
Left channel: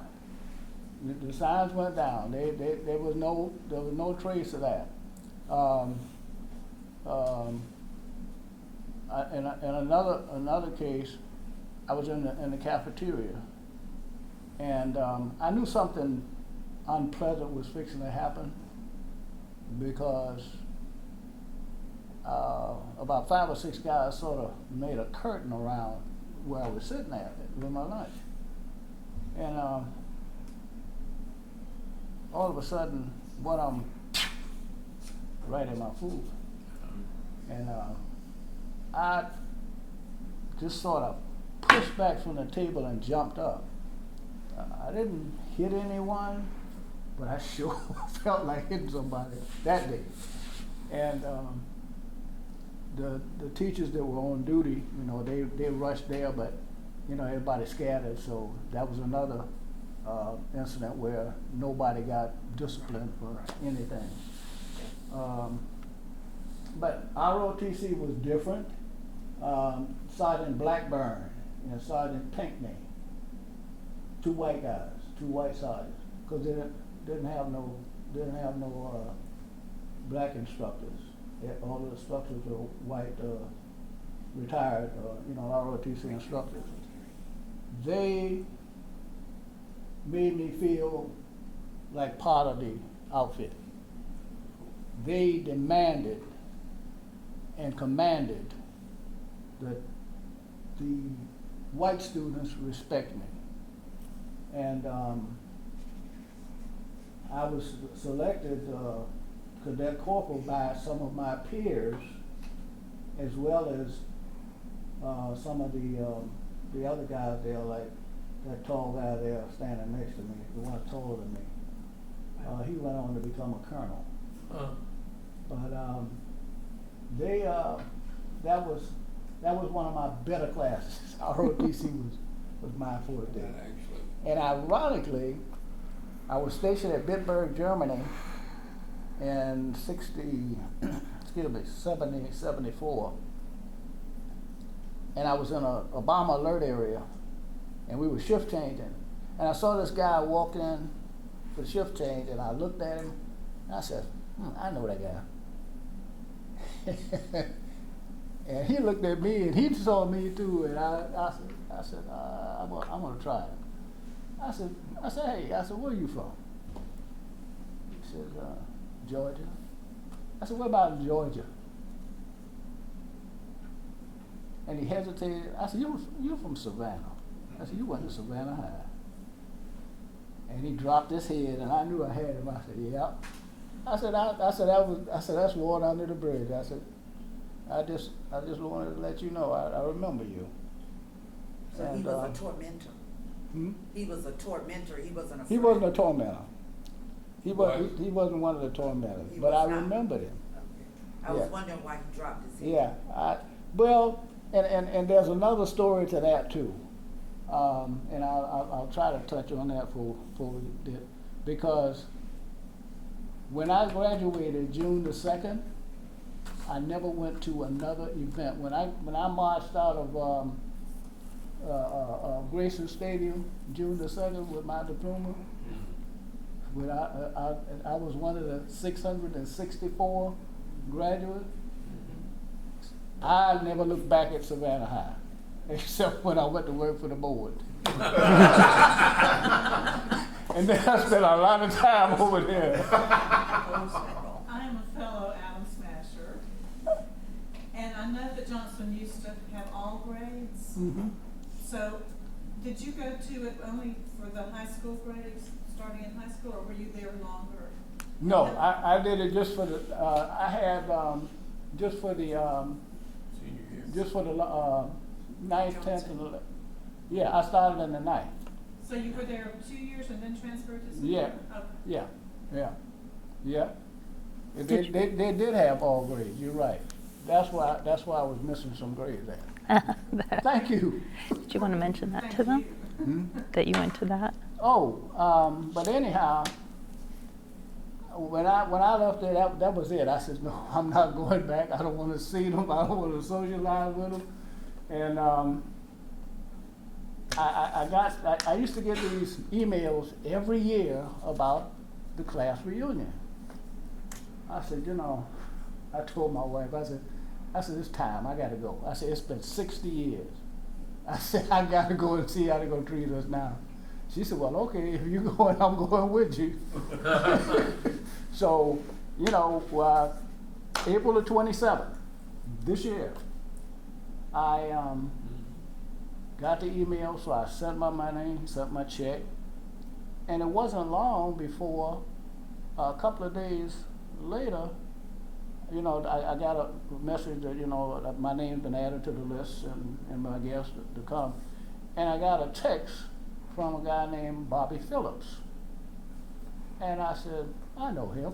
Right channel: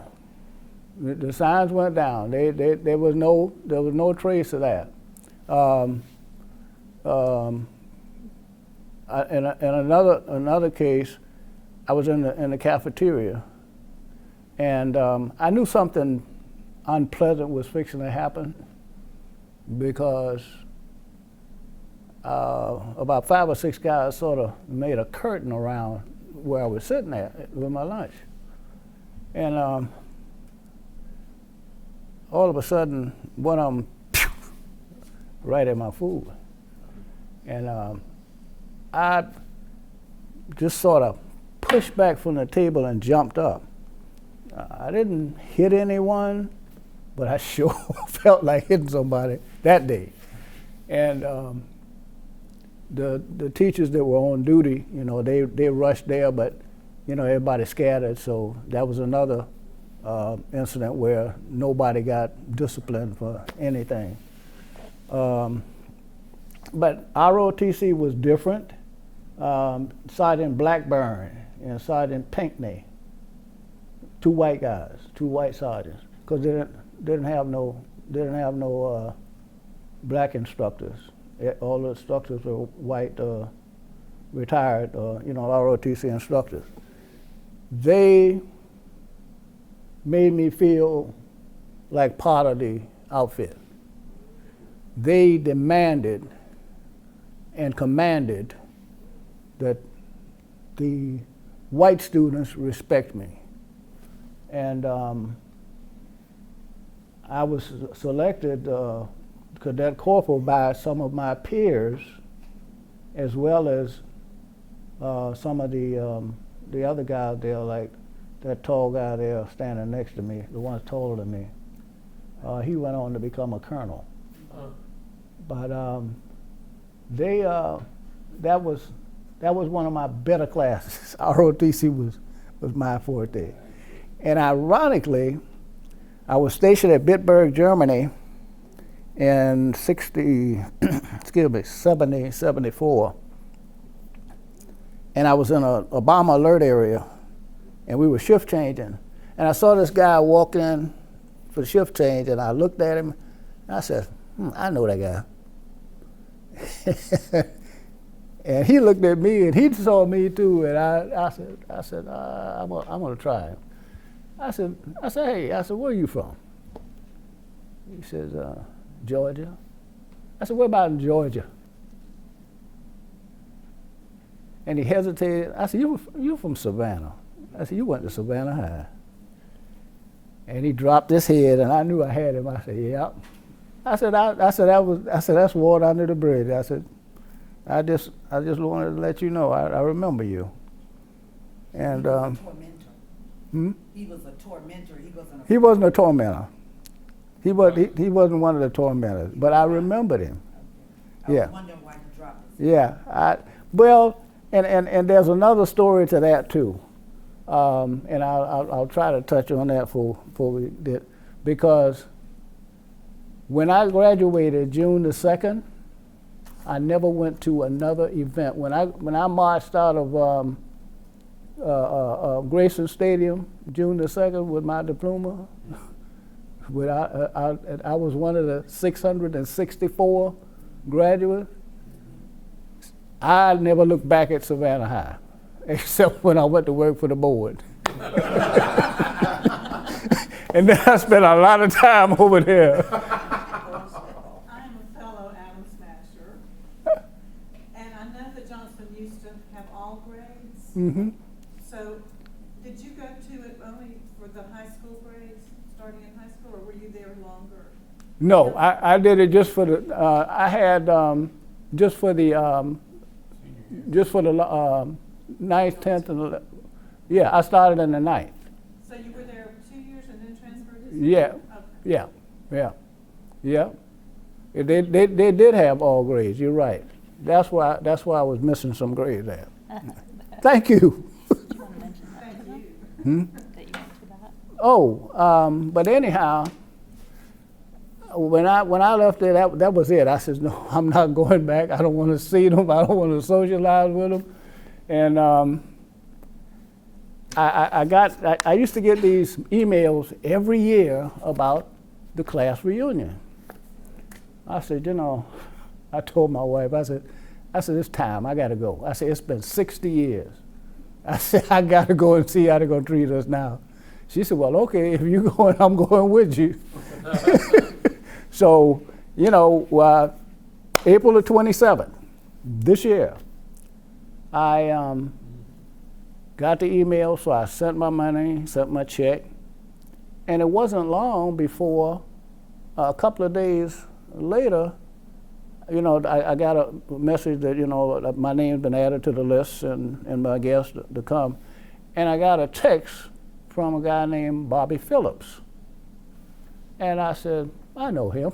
The signs went down. There was no trace of that. In another case, I was in the cafeteria, and I knew something unpleasant was fixing to happen because about 5 or 6 guys sort of made a curtain around where I was sitting at with my lunch, and all of a sudden, one of them right at my food, and I just sort of pushed back from the table and jumped up. I didn't hit anyone, but I sure felt like hitting somebody that day. And the teachers that were on duty, you know, they rushed there, but you know, everybody scattered. So that was another incident where nobody got disciplined for anything. But ROTC was different. Sergeant Blackburn and Sergeant Pinckney, 2 white guys, 2 white sergeants, because they didn't have no black instructors. All the instructors were white, retired, you know, ROTC instructors. They made me feel like part of the outfit. They demanded and commanded that the white students respect me. And I was selected cadet corporal by some of my peers, as well as some of the other guys there, like that tall guy there standing next to me, the one taller than me. He went on to become a colonel. But that was one of my better classes. ROTC was my forte. And ironically, I was stationed at Bitburg, Germany in 74. And I was in a bomber alert area, and we were shift changing. And I saw this guy walk in for the shift change, and I looked at him, and I said, I know that guy. And he looked at me, and he saw me too, and I said, I'm gonna try him. I said, hey, where are you from? He says, Georgia. I said, where about in Georgia? And he hesitated. I said, you're from Savannah. I said, you went to Savannah High. And he dropped his head, and I knew I had him. I said, yeah. I said, that's water under the bridge. I said, I just wanted to let you know I remember you. And he was a tormentor. He was a tormentor. He wasn't a tormentor. He wasn't one of the tormentors, but I remembered him. I was wondering why he dropped his head. Yeah. And there's another story to that too, and I'll try to touch on that before we did, because when I graduated June the 2nd, I never went to another event. When I marched out of Grayson Stadium June the 2nd with my diploma, I was one of the 664 graduates. I never looked back at Savannah High, except when I went to work for the board. And then I spent a lot of time over there. I am a fellow Atom Smasher, and I know that Johnson used to have all grades. Mm-hmm. So, did you go to it only for the high school grades, starting in high school, or were you there longer? No, I did it just for the. I had just for the 9th, 10th, and 11th. Yeah, I started in the 9th. So you were there 2 years and then transferred to? Yeah. Okay. Yeah. They did have all grades, you're right. That's why I was missing some grades there. Thank you. Do you want to mention that to them? That you went to that? But anyhow, when I left there, that was it. I said, no, I'm not going back. I don't want to see them. I don't want to socialize with them. And I used to get these emails every year about the class reunion. I said, I told my wife, I said, it's time, I gotta go. I said, it's been 60 years. I said, I gotta go and see how they're gonna treat us now. She said, well, okay, if you're going, I'm going with you. So, April the 27th, this year, I got the email, so I sent my money, sent my check, and it wasn't long before, a couple of days later, I got a message that, that my name's been added to the list and my guests to come. And I got a text from a guy named Bobby Phillips. And I said, I know him.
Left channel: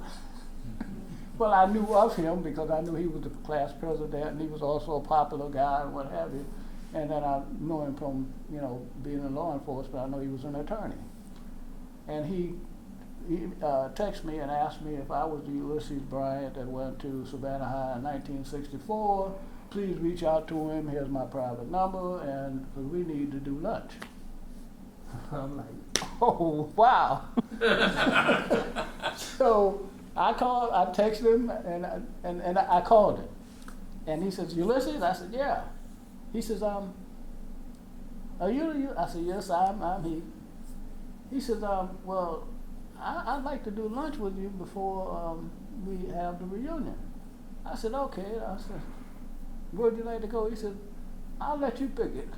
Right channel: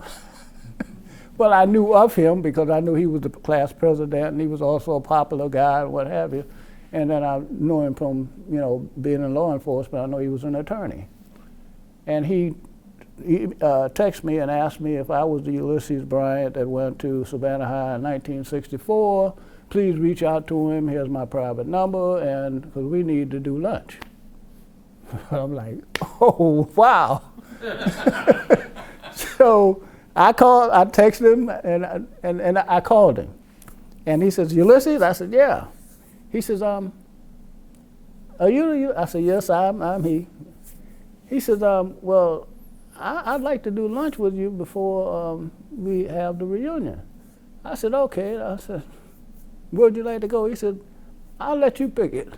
Well, I knew of him because I knew he was the class president and he was also a popular guy and what have you. And then I knew him from, being in law enforcement. I know he was an attorney. And he texted me and asked me if I was the Ulysses Bryant that went to Savannah High in 1964. Please reach out to him. Here's my private number, and because we need to do lunch. I'm like, oh, wow. So I texted him, and I called him. And he says, Ulysses? I said, yeah. He says, are you? I said, yes, I'm he. He says, well, I'd like to do lunch with you before we have the reunion. I said, okay. I said, where'd you like to go? He said, I'll let you pick it.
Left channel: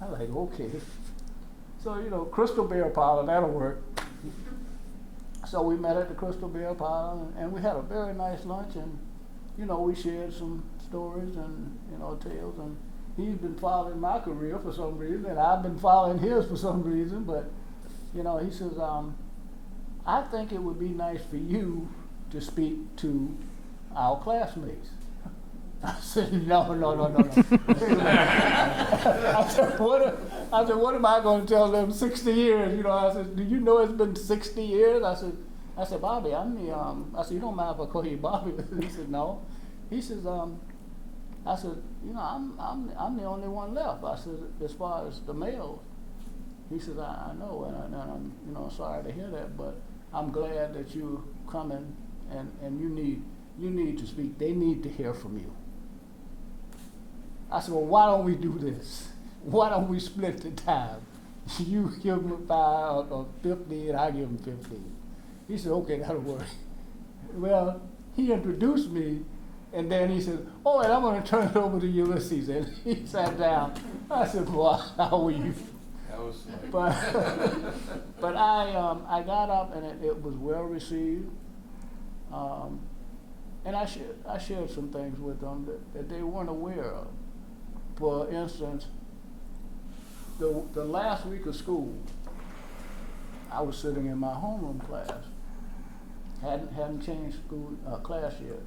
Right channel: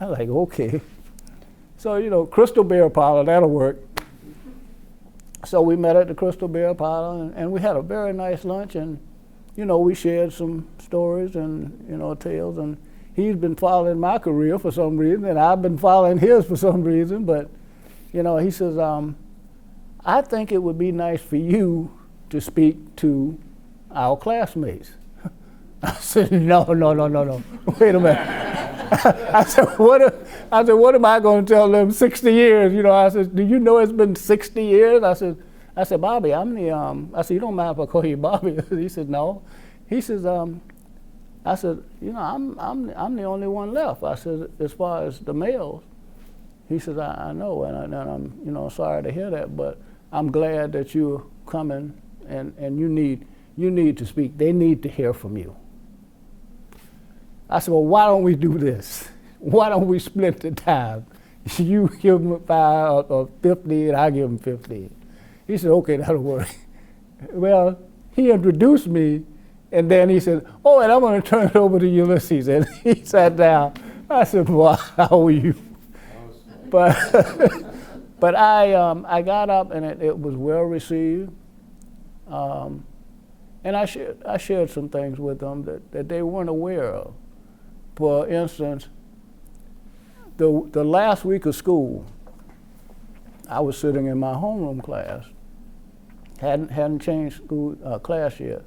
I was like, okay. So, Crystal Beer Parlor, that'll work. So we met at the Crystal Beer Parlor, and we had a very nice lunch, and, we shared some stories and, tales, and he's been following my career for some reason, and I've been following his for some reason, but, he says, I think it would be nice for you to speak to our classmates. I said, no. Wait a minute. I said, what am I going to tell them 60 years? I said, do you know it's been 60 years? I said, Bobby, I said, you don't mind if I call you Bobby? He said, no. He says, I said, I'm the only one left. I said, as far as the males. He says, I know, and I'm, sorry to hear that, but I'm glad that you're coming, and you need to speak. They need to hear from you. I said, well, why don't we do this? Why don't we split the time? You give him 5 or 50, and I give him 15. He said, okay, that'll work. Well, he introduced me, and then he said, oh, and I'm going to turn it over to Ulysses. And he sat down. I said, well, how are you? But I got up, and it was well received. And I shared some things with them that they weren't aware of. For instance, the last week of school, I was sitting in my homeroom class. Hadn't changed school class yet.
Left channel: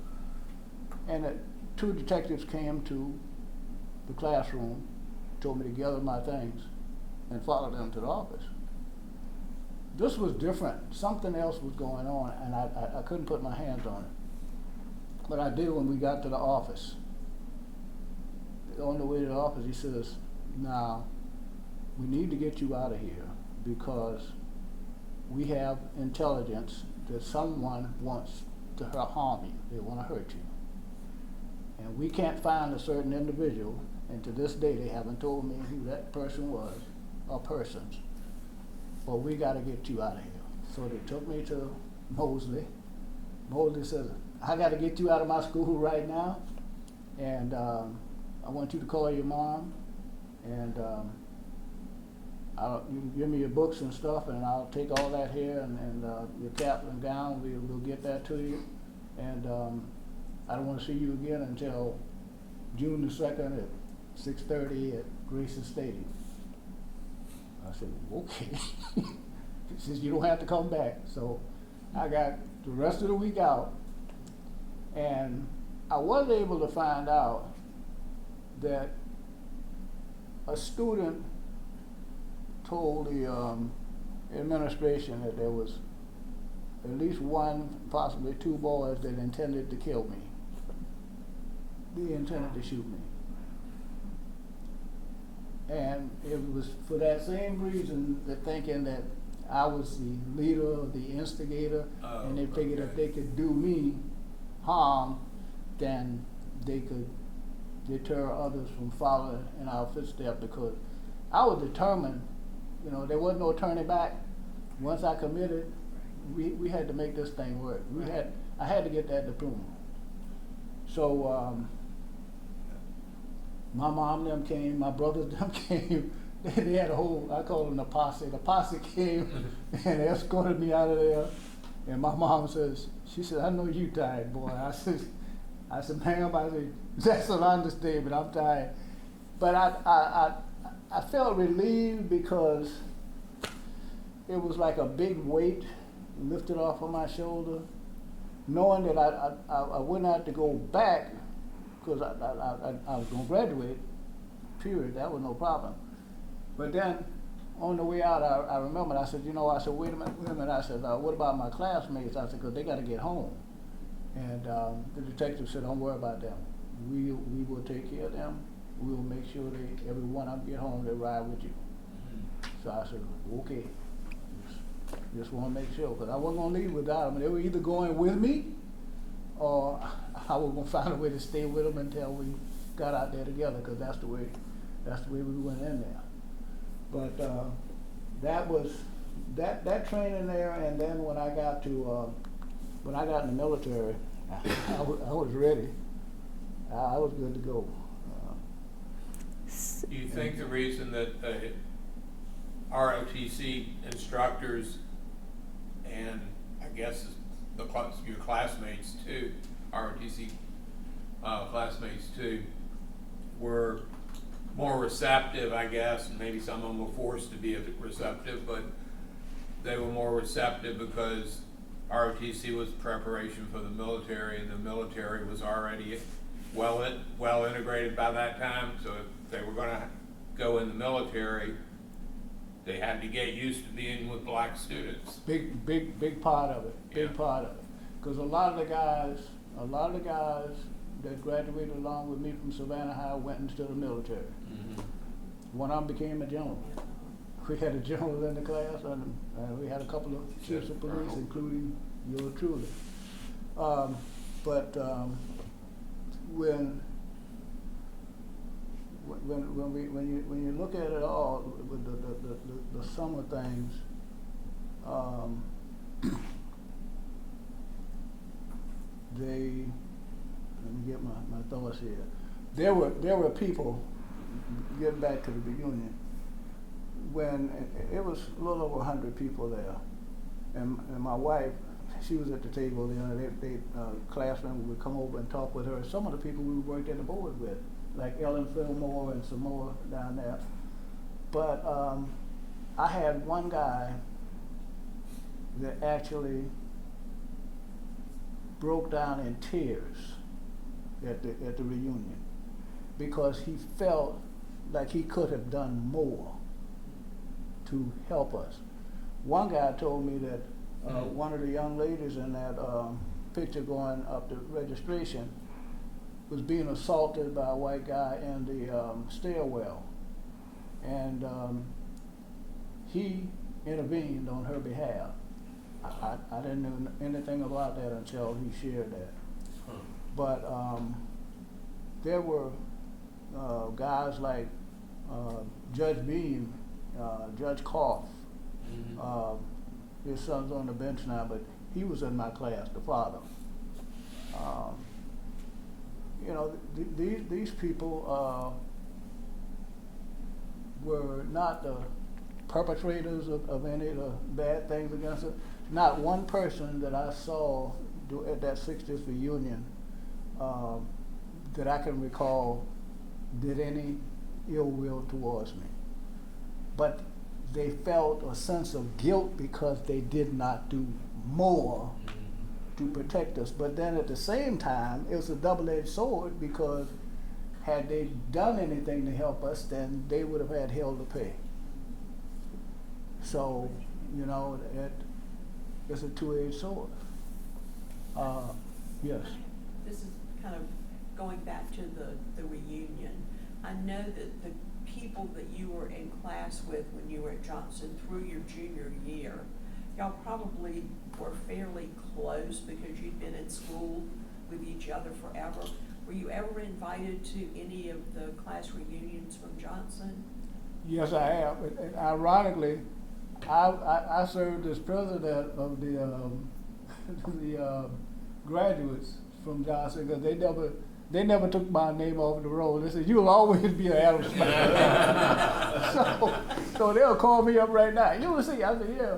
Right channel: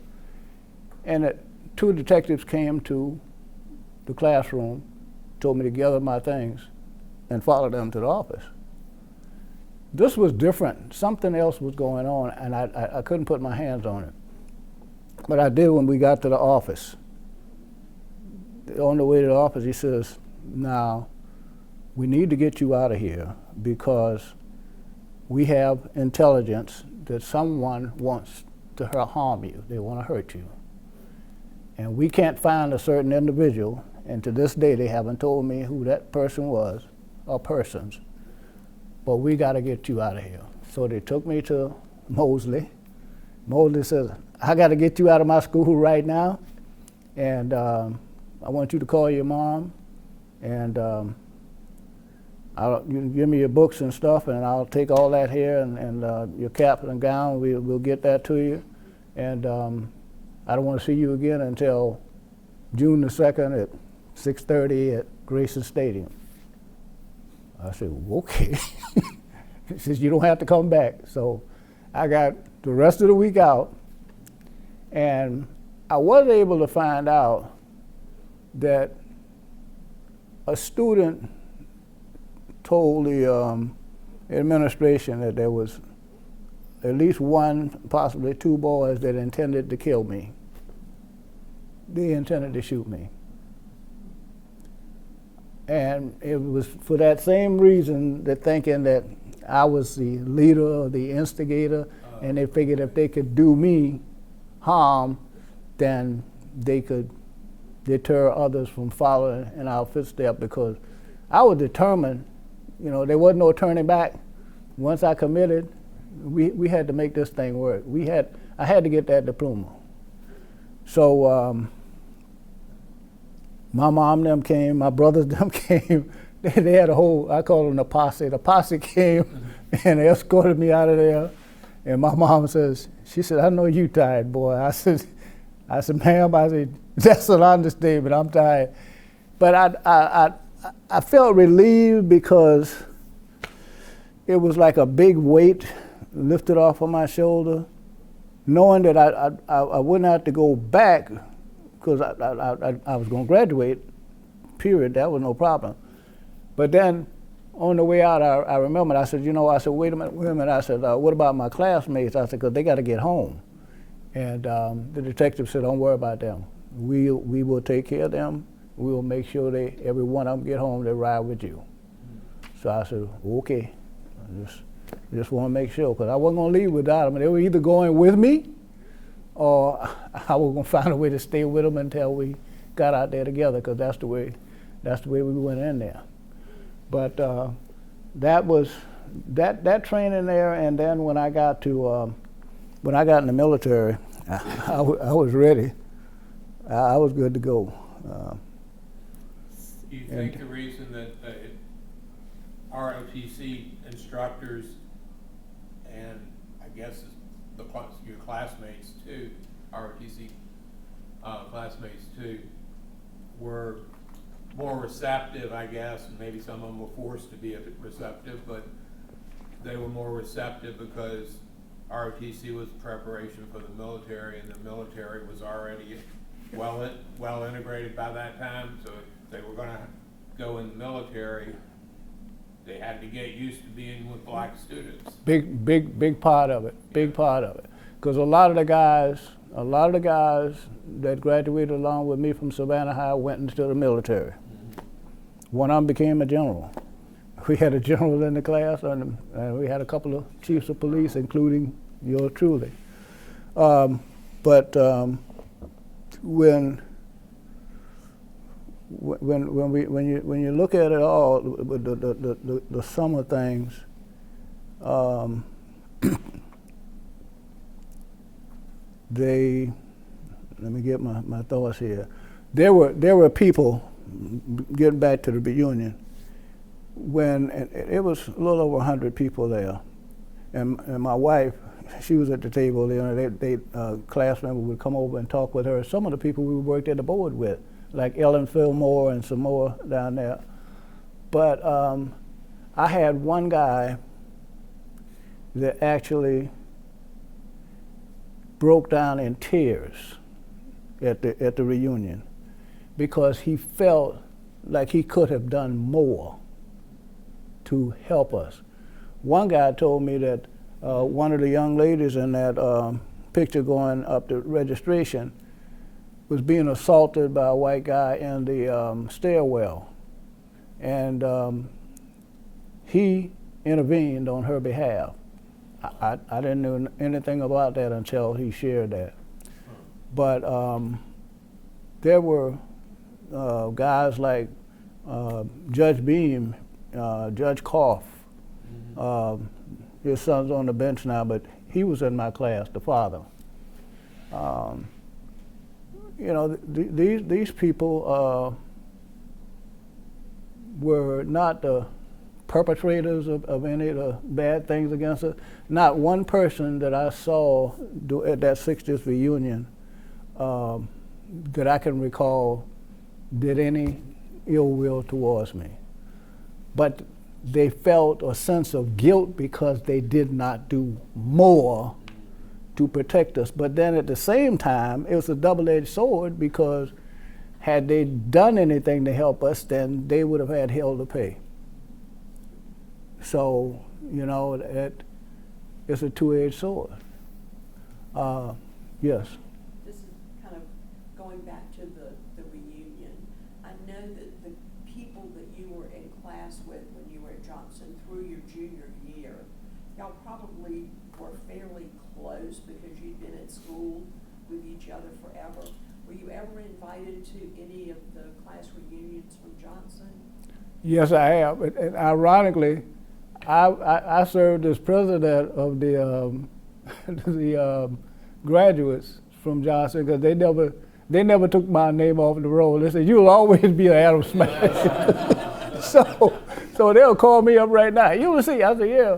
And 2 detectives came to the classroom, told me to gather my things, and follow them to the office. This was different. Something else was going on, and I couldn't put my hands on it. But I did when we got to the office. On the way to the office, he says, now, we need to get you out of here because we have intelligence that someone wants to harm you. They want to hurt you. And we can't find a certain individual, and to this day, they haven't told me who that person was or persons. But we got to get you out of here. So they took me to Mosley. Mosley says, I got to get you out of my school right now, and I want you to call your mom, and you give me your books and stuff, and I'll take all that here and your cap and gown. We'll get that to you, and I don't want to see you again until June the 2nd at 6:30 at Grayson Stadium. I said, okay. He says, you don't have to come back. So I got the rest of the week out, and I was able to find out that a student told the administration that there was at least one, possibly two boys that intended to kill me. They intended to shoot me. And it was for that same reason, that thinking that I was the leader or the instigator, and they figured if they could do me harm, then they could deter others from following in our footsteps, because I was determined, you know, there was no turning back. Once I committed, we had to make this thing work. I had to get that diploma. So my mom them came, my brothers them came. They had a whole, I call them the posse. The posse came and escorted me out of there. And my mom says, she said, I know you tired, boy. I said, ma'am, I said, that's an understatement, I'm tired. But I felt relieved, because it was like a big weight lifted off of my shoulder, knowing that I wouldn't have to go back, because I was going to graduate, period. That was no problem. But then on the way out, I remembered, I said, you know, I said, wait a minute. I said, what about my classmates? I said, because they got to get home. And the detective said, don't worry about them. We will take care of them. We will make sure every one of them get home, they ride with you. So I said, okay. I just want to make sure, because I wasn't going to leave without them. They were either going with me, or I was going to find a way to stay with them until we got out there together, because that's the way we went in there. But that was that training there, and then when I got in the military, I was ready. I was good to go. Do you think the reason that ROTC instructors, and I guess your classmates too, ROTC classmates too, were more receptive, I guess, and maybe some of them were forced to be receptive, but they were more receptive because ROTC was preparation for the military, and the military was already well integrated by that time. So if they were going to go in the military, they had to get used to being with black students. Big part of it. Big part of it. Because a lot of the guys that graduated along with me from Savannah High went into the military. One of them became a general. We had a general in the class, and we had a couple of chiefs of police, including yours truly. But when you look at it all, the sum of things, let me get my thoughts here. There were people, getting back to the reunion, when it was a little over 100 people there, and my wife, she was at the table. You know, class members would come over and talk with her. Some of the people we worked at the board with, like Ellen Fillmore and some more down there. But I had one guy that actually broke down in tears at the reunion, because he felt like he could have done more to help us. One guy told me that one of the young ladies in that picture going up to registration was being assaulted by a white guy in the stairwell, and he intervened on her behalf. I didn't know anything about that until he shared that. But there were guys like Judge Beam, Judge Koff. His son's on the bench now, but he was in my class, the father. You know, these people were not the perpetrators of any of the bad things against us. Not one person that I saw at that 60th reunion that I can recall did any ill will towards me. But they felt a sense of guilt because they did not do more to protect us. But then at the same time, it was a double-edged sword, because had they done anything to help us, then they would have had hell to pay. So, you know, it's a two-edged sword. Yes. This is kind of going back to the reunion. I know that the people that you were in class with when you were at Johnson through your junior year, y'all probably were fairly close because you'd been in school with each other forever. Were you ever invited to any of the class reunions from Johnson? Yes, I have. And ironically, I served as president of the the graduates from Johnson, because they never took my name off the roll. They said, "You'll always be an Adams Smasher." so they'll call me up right now. Ulysses, I said, "Yeah,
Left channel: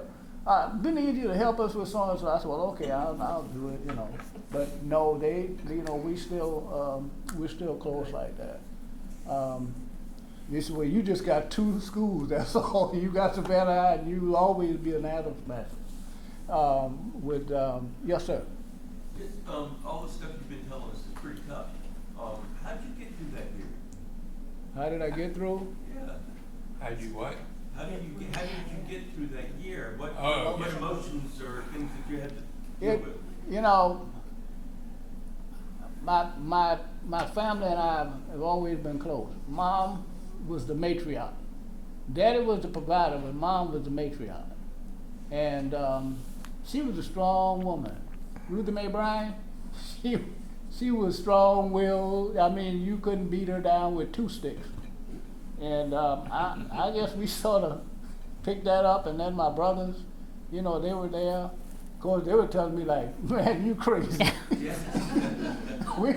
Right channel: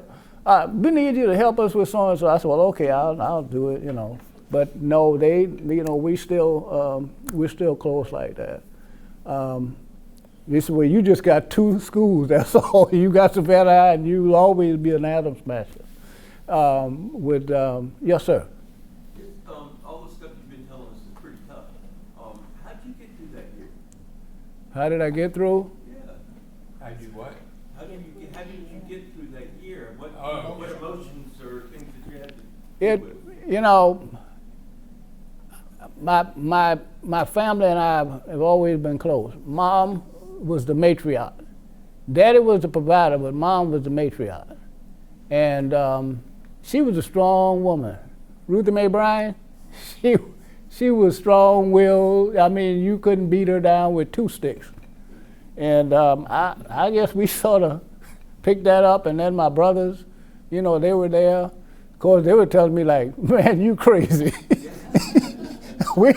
we need you to help us with so and so." I said, "Well, okay, I'll do it," you know. But no, we're still close like that. This is where you just got two schools. That's all. You got Savannah High, and you'll always be an Adams Smasher. Yes, sir. All the stuff you've been telling us is pretty tough. How did you get through that year? How did I get through? Yeah. How'd you what? How did you get through that year? What yeah. emotions or things that you had to deal with? You know, my family and I have always been close. Mom was the matriarch. Daddy was the provider, but Mom was the matriarch. And she was a strong woman. Ruthie Bryan, she was strong-willed. I mean, you couldn't beat her down with two sticks. And I guess we sort of picked that up. And then my brothers, you know, they were there. Of course, they were telling me like, "Man, you crazy." we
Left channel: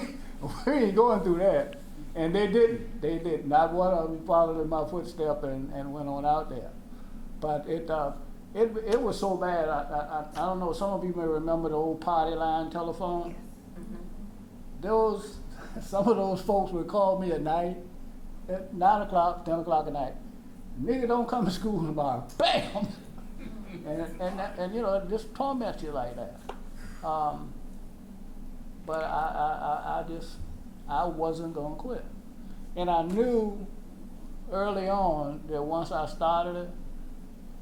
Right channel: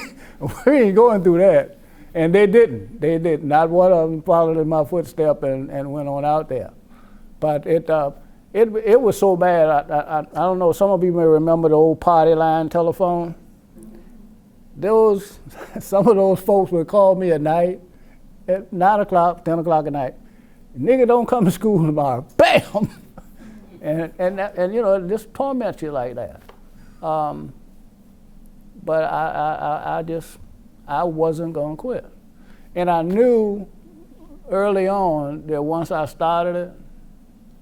ain't going through that. And they didn't. They didn't. Not one of them followed in my footstep and went on out there. But it was so bad. I don't know. Some of you may remember the old party line telephone. Some of those folks would call me at night, at 9 o'clock, 10 o'clock at night. "Nigga, don't come to school tomorrow." Bam! and you know, it just torments you like that. But I wasn't gonna quit, and I knew early on that once I started it,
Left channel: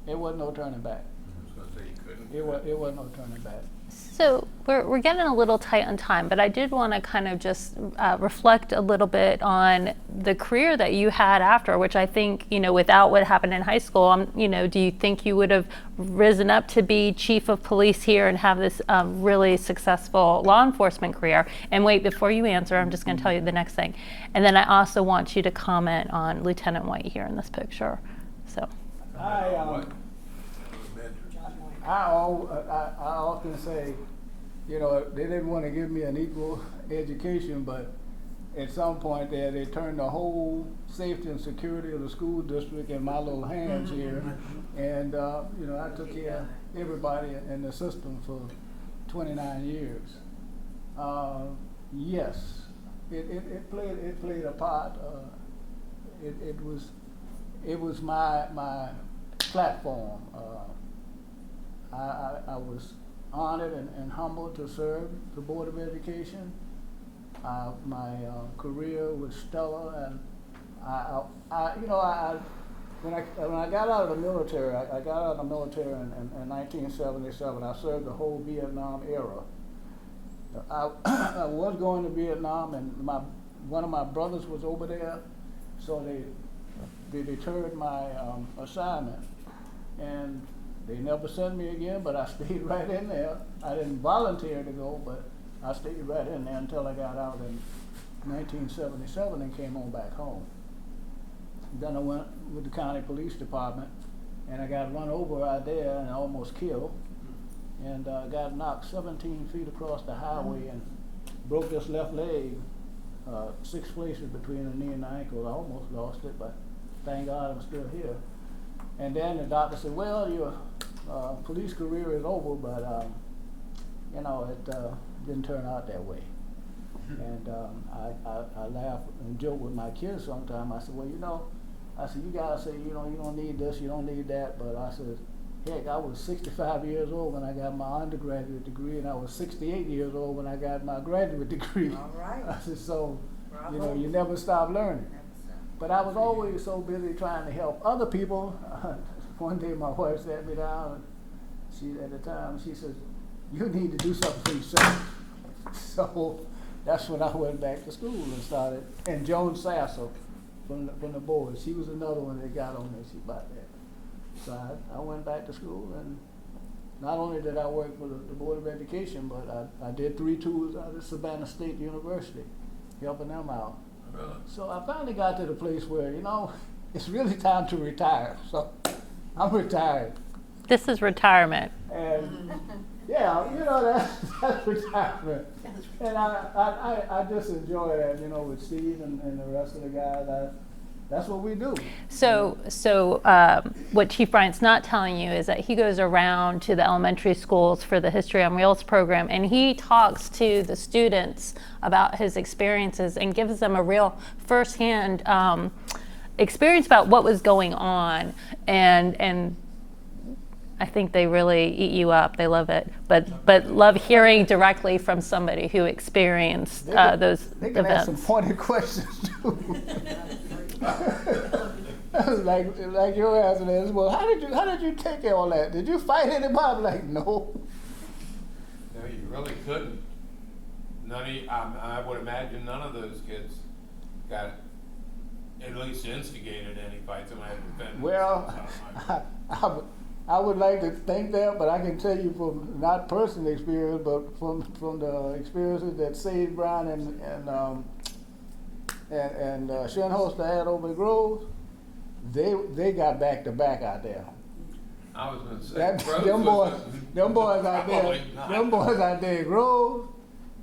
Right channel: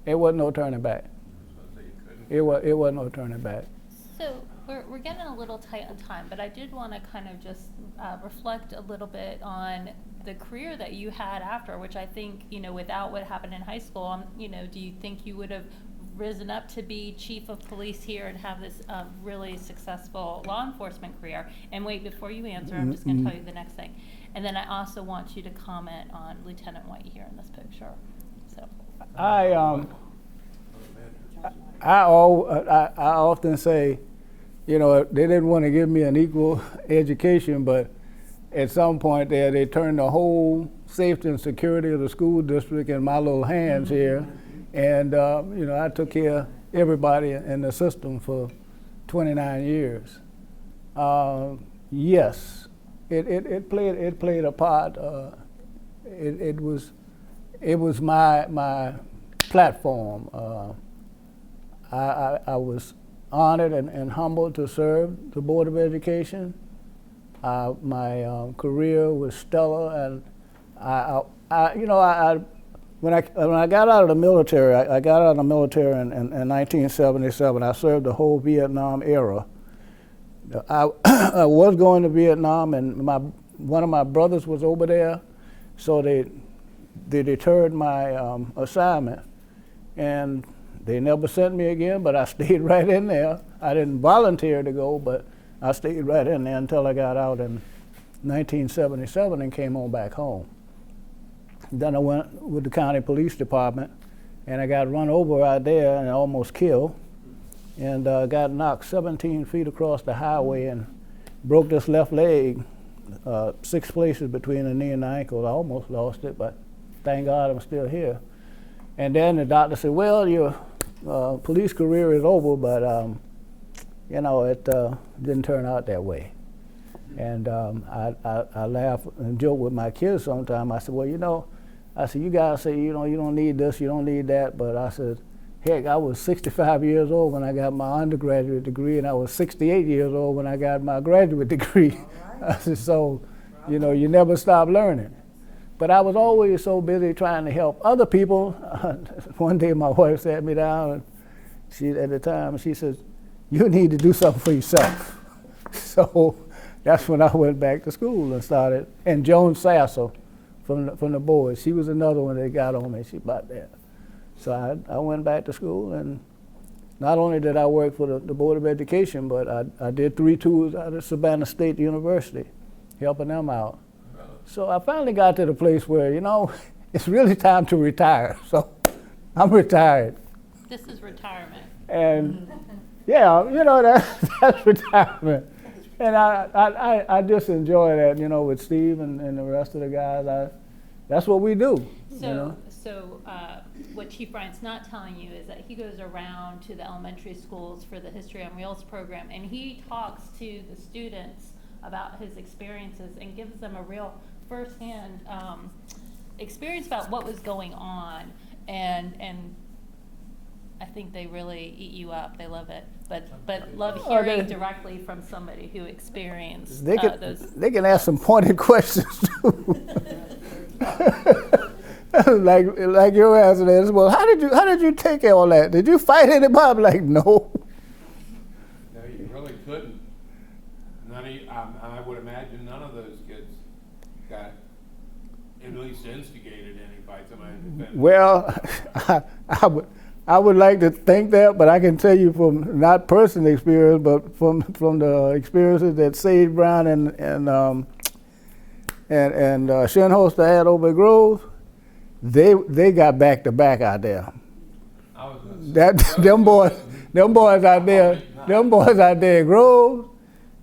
it wasn't no turning back. I was gonna say you couldn't. It wasn't no turning back. So we're getting a little tight on time, but I did want to kind of just reflect a little bit on the career that you had after, which I think, you know, without what happened in high school, you know, do you think you would have risen up to be chief of police here and have this really successful law enforcement career? And wait, before you answer, I'm just going to tell you the next thing. And then I also want you to comment on Lieutenant White here in this picture. So. I often say, you know, they didn't want to give me an equal education, but at some point there, they turned the whole safety and security of the school district in my little hands here. And, you know, I took care of everybody in the system for 29 years. Yes, it played a part. It was my platform. I was honored and humbled to serve the Board of Education. My career was stellar, and when I got out of the military, I got out of the military in 1977. I served the whole Vietnam era. I was going to Vietnam, and one of my brothers was over there, so they deterred my assignment, and they never sent me again, but I stayed right in there. I didn't volunteer to go, but I stayed right in there until I got out in 1977 and came on back home. Then I went with the county police department, and I got run over out there and almost killed, and got knocked 17 feet across the highway and broke this left leg, 6 places between the knee and the ankle. I almost lost it, but thank God I'm still here. And then the doctor said, "Well, your police career is over," but you know, it didn't turn out that way. And I laugh and joke with my kids sometimes. I said, "Well, you know, I said, you guys say, you don't need this, you don't need that. But I said, heck, I was 65 years old when I got my undergraduate degree, and I was 68 years old when I got my graduate degree. All right. I said, so, Bravo. you never stop learning. But I was always so busy trying to help other people. One day my wife sat me down, and at the time, she said, you need to do something for yourself. So that's when I went back to school and started. And Joan Sasser from the board, she was another one that got on me. She about that. So I went back to school, and not only did I work for the Board of Education, but I did 3 tours out of Savannah State University, helping them out. Really? So I finally got to the place where, it's really time to retire. So I'm retired. This is retirement. And yeah, that's retirement. And I just enjoy that, with Steve and the rest of the guys. That's what we do. So what Chief Bryant's not telling you is that he goes around to the elementary schools for the History on Wheels program, and he talks to the students about his experiences and gives them a real firsthand experience about what was going on. And I think they really eat you up. They love it, but love hearing directly from somebody who experienced those. They can events. ask some pointed questions too. like your answer is, well, how did you take all that? Did you fight anybody? I'm like, no. No, you really couldn't. I would imagine none of those kids got at least instigated any fights. Well, I would like to think that, but I can tell you from not personal experience, but from the experiences that Sage Brown and Shinholster had over at Grove, they got back to back out there. I was gonna say, Them boys out there in Grove,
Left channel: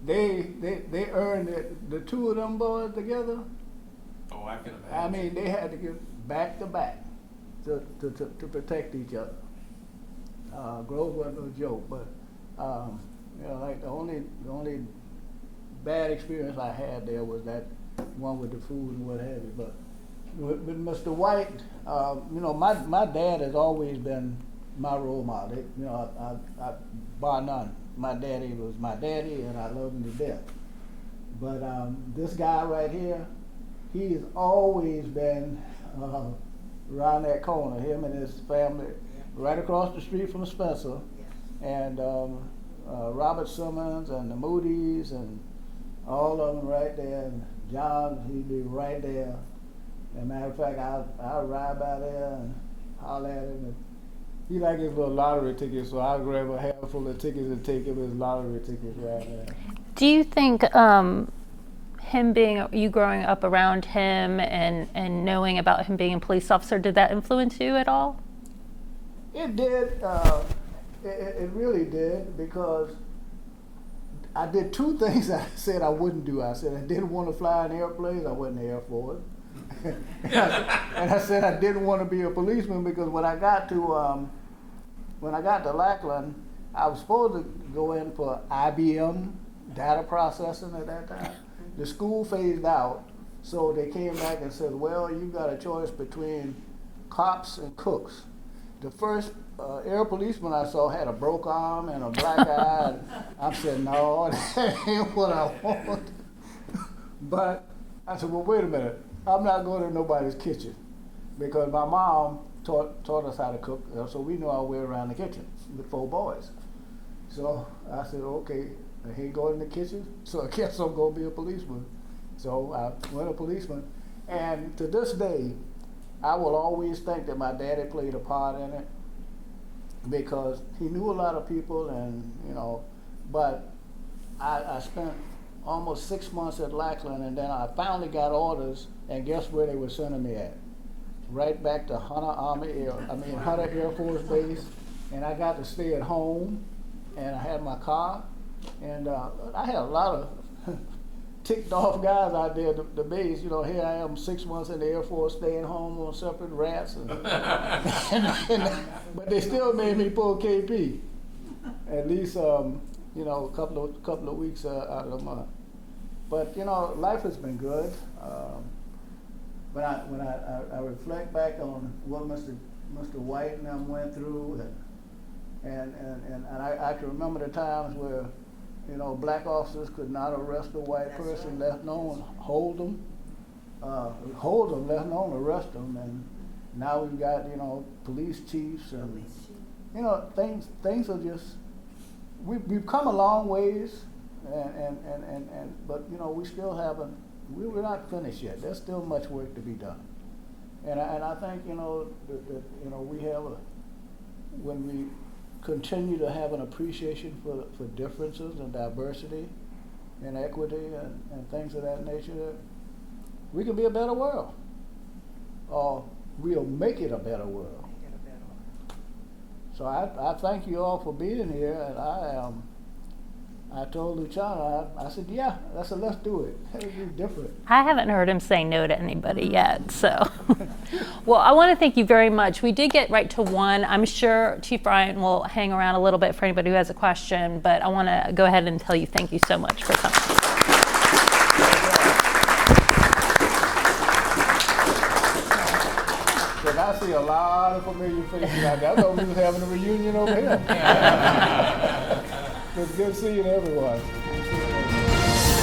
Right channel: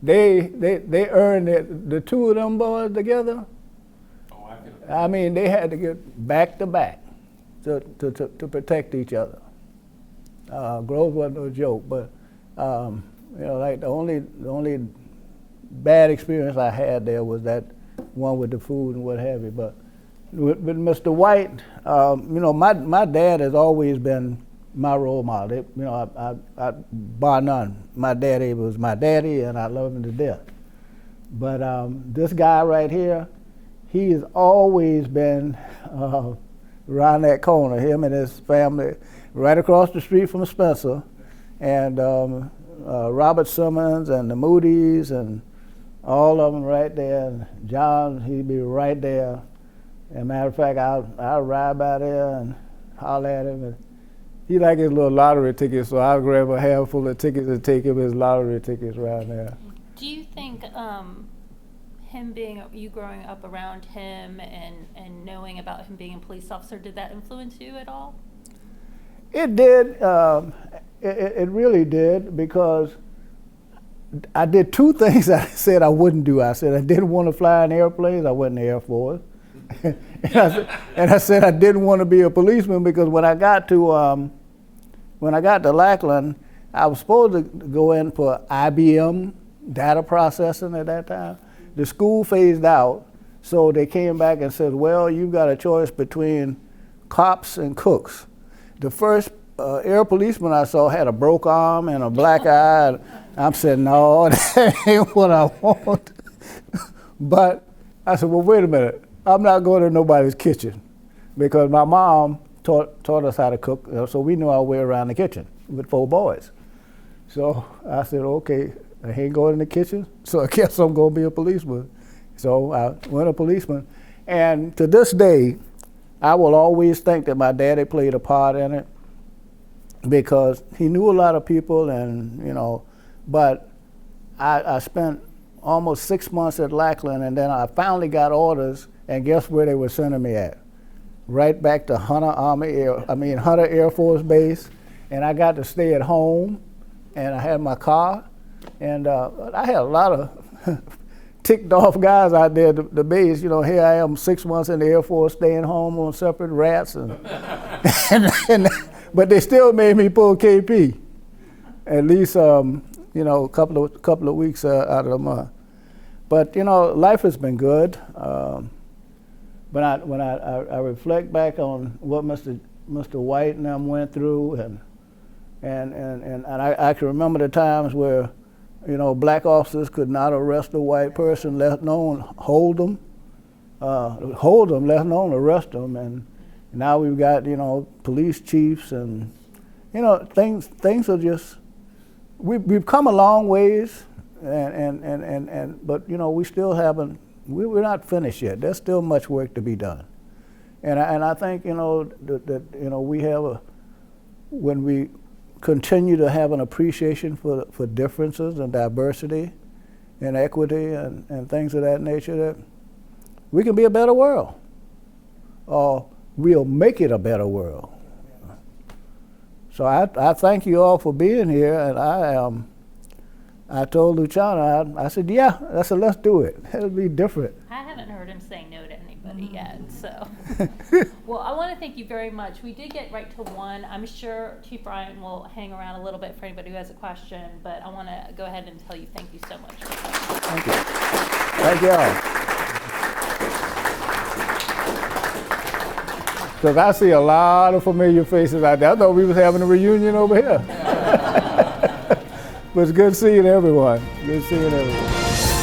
they earned it. The 2 of them boys together. Oh, I can I mean, they had to get back to back to protect each other. Grove wasn't no joke, but like the only bad experience I had there was that one with the food and what have you. But with Mr. White, my dad has always been my role model. I bar none. My daddy was my daddy, and I love him to death. But this guy right here, he has always been around that corner. Him and his family, right across the street from Spencer, and Robert Simmons and the Moody's and all of them right there. And John, he'd be right there. As a matter of fact, I'll ride by there and holler at him. And he like his little lottery tickets, so I'll grab a handful of tickets and take him his lottery tickets around there. Do you think you growing up around him and knowing about him being a police officer, did that influence you at all? It did. It really did, because I did 2 things I said I wouldn't do. I said I didn't want to fly in airplanes. I went in the Air Force. and I said I didn't want to be a policeman, because when I got to Lackland, I was supposed to go in for IBM data processing at that time. The school phased out, so they came back and said, well, you've got a choice between cops and cooks. The first air policeman I saw had a broke arm and a black eye. I'm saying, no, that ain't what I want. But I said, well, wait a minute. I'm not going to nobody's kitchen, because my mom taught us how to cook, so we knew our way around the kitchen with 4 boys. So I said, okay, I ain't going in the kitchen, so I guess I'm going to be a policeman. So I went a policeman. And to this day, I will always think that my daddy played a part in it, because he knew a lot of people, and but I spent almost 6 months at Lackland, and then I finally got orders, and guess where they were sending me at? Right back to Hunter Air Force Base, and I got to stay at home, and I had my car, and I had a lot of ticked off guys out there at the base. Here I am 6 months in the Air Force, staying home on separate rats, but they still made me pull KP, at least a couple of weeks out of the month. But life has been good. But when I reflect back on what Mr. White and them went through, and I can remember the times where, you know, black officers could not arrest a white person, let alone hold them, let alone arrest them. And now we've got, you know, police chiefs, and, you know, things are just, we've come a long ways, but, you know, we still haven't, we're not finished yet. There's still much work to be done. And I think, you know, that you know, we have when we continue to have an appreciation for differences and diversity and equity and things of that nature, that we can be a better world, or we'll make it a better world. So I thank you all for being here, and I told Luciano, I said, yeah, let's do it. It'll be different. I haven't heard him say no to anybody yet, so. Well, I want to thank you very much. We did get right to one. I'm sure Chief Bryant will hang around a little bit for anybody who has a question, but I want to go ahead and tell you thank you so much for coming. Thank you all. Because I see a lot of familiar faces out there. I thought we was having a reunion over here. But it's good seeing everyone. Good seeing everyone.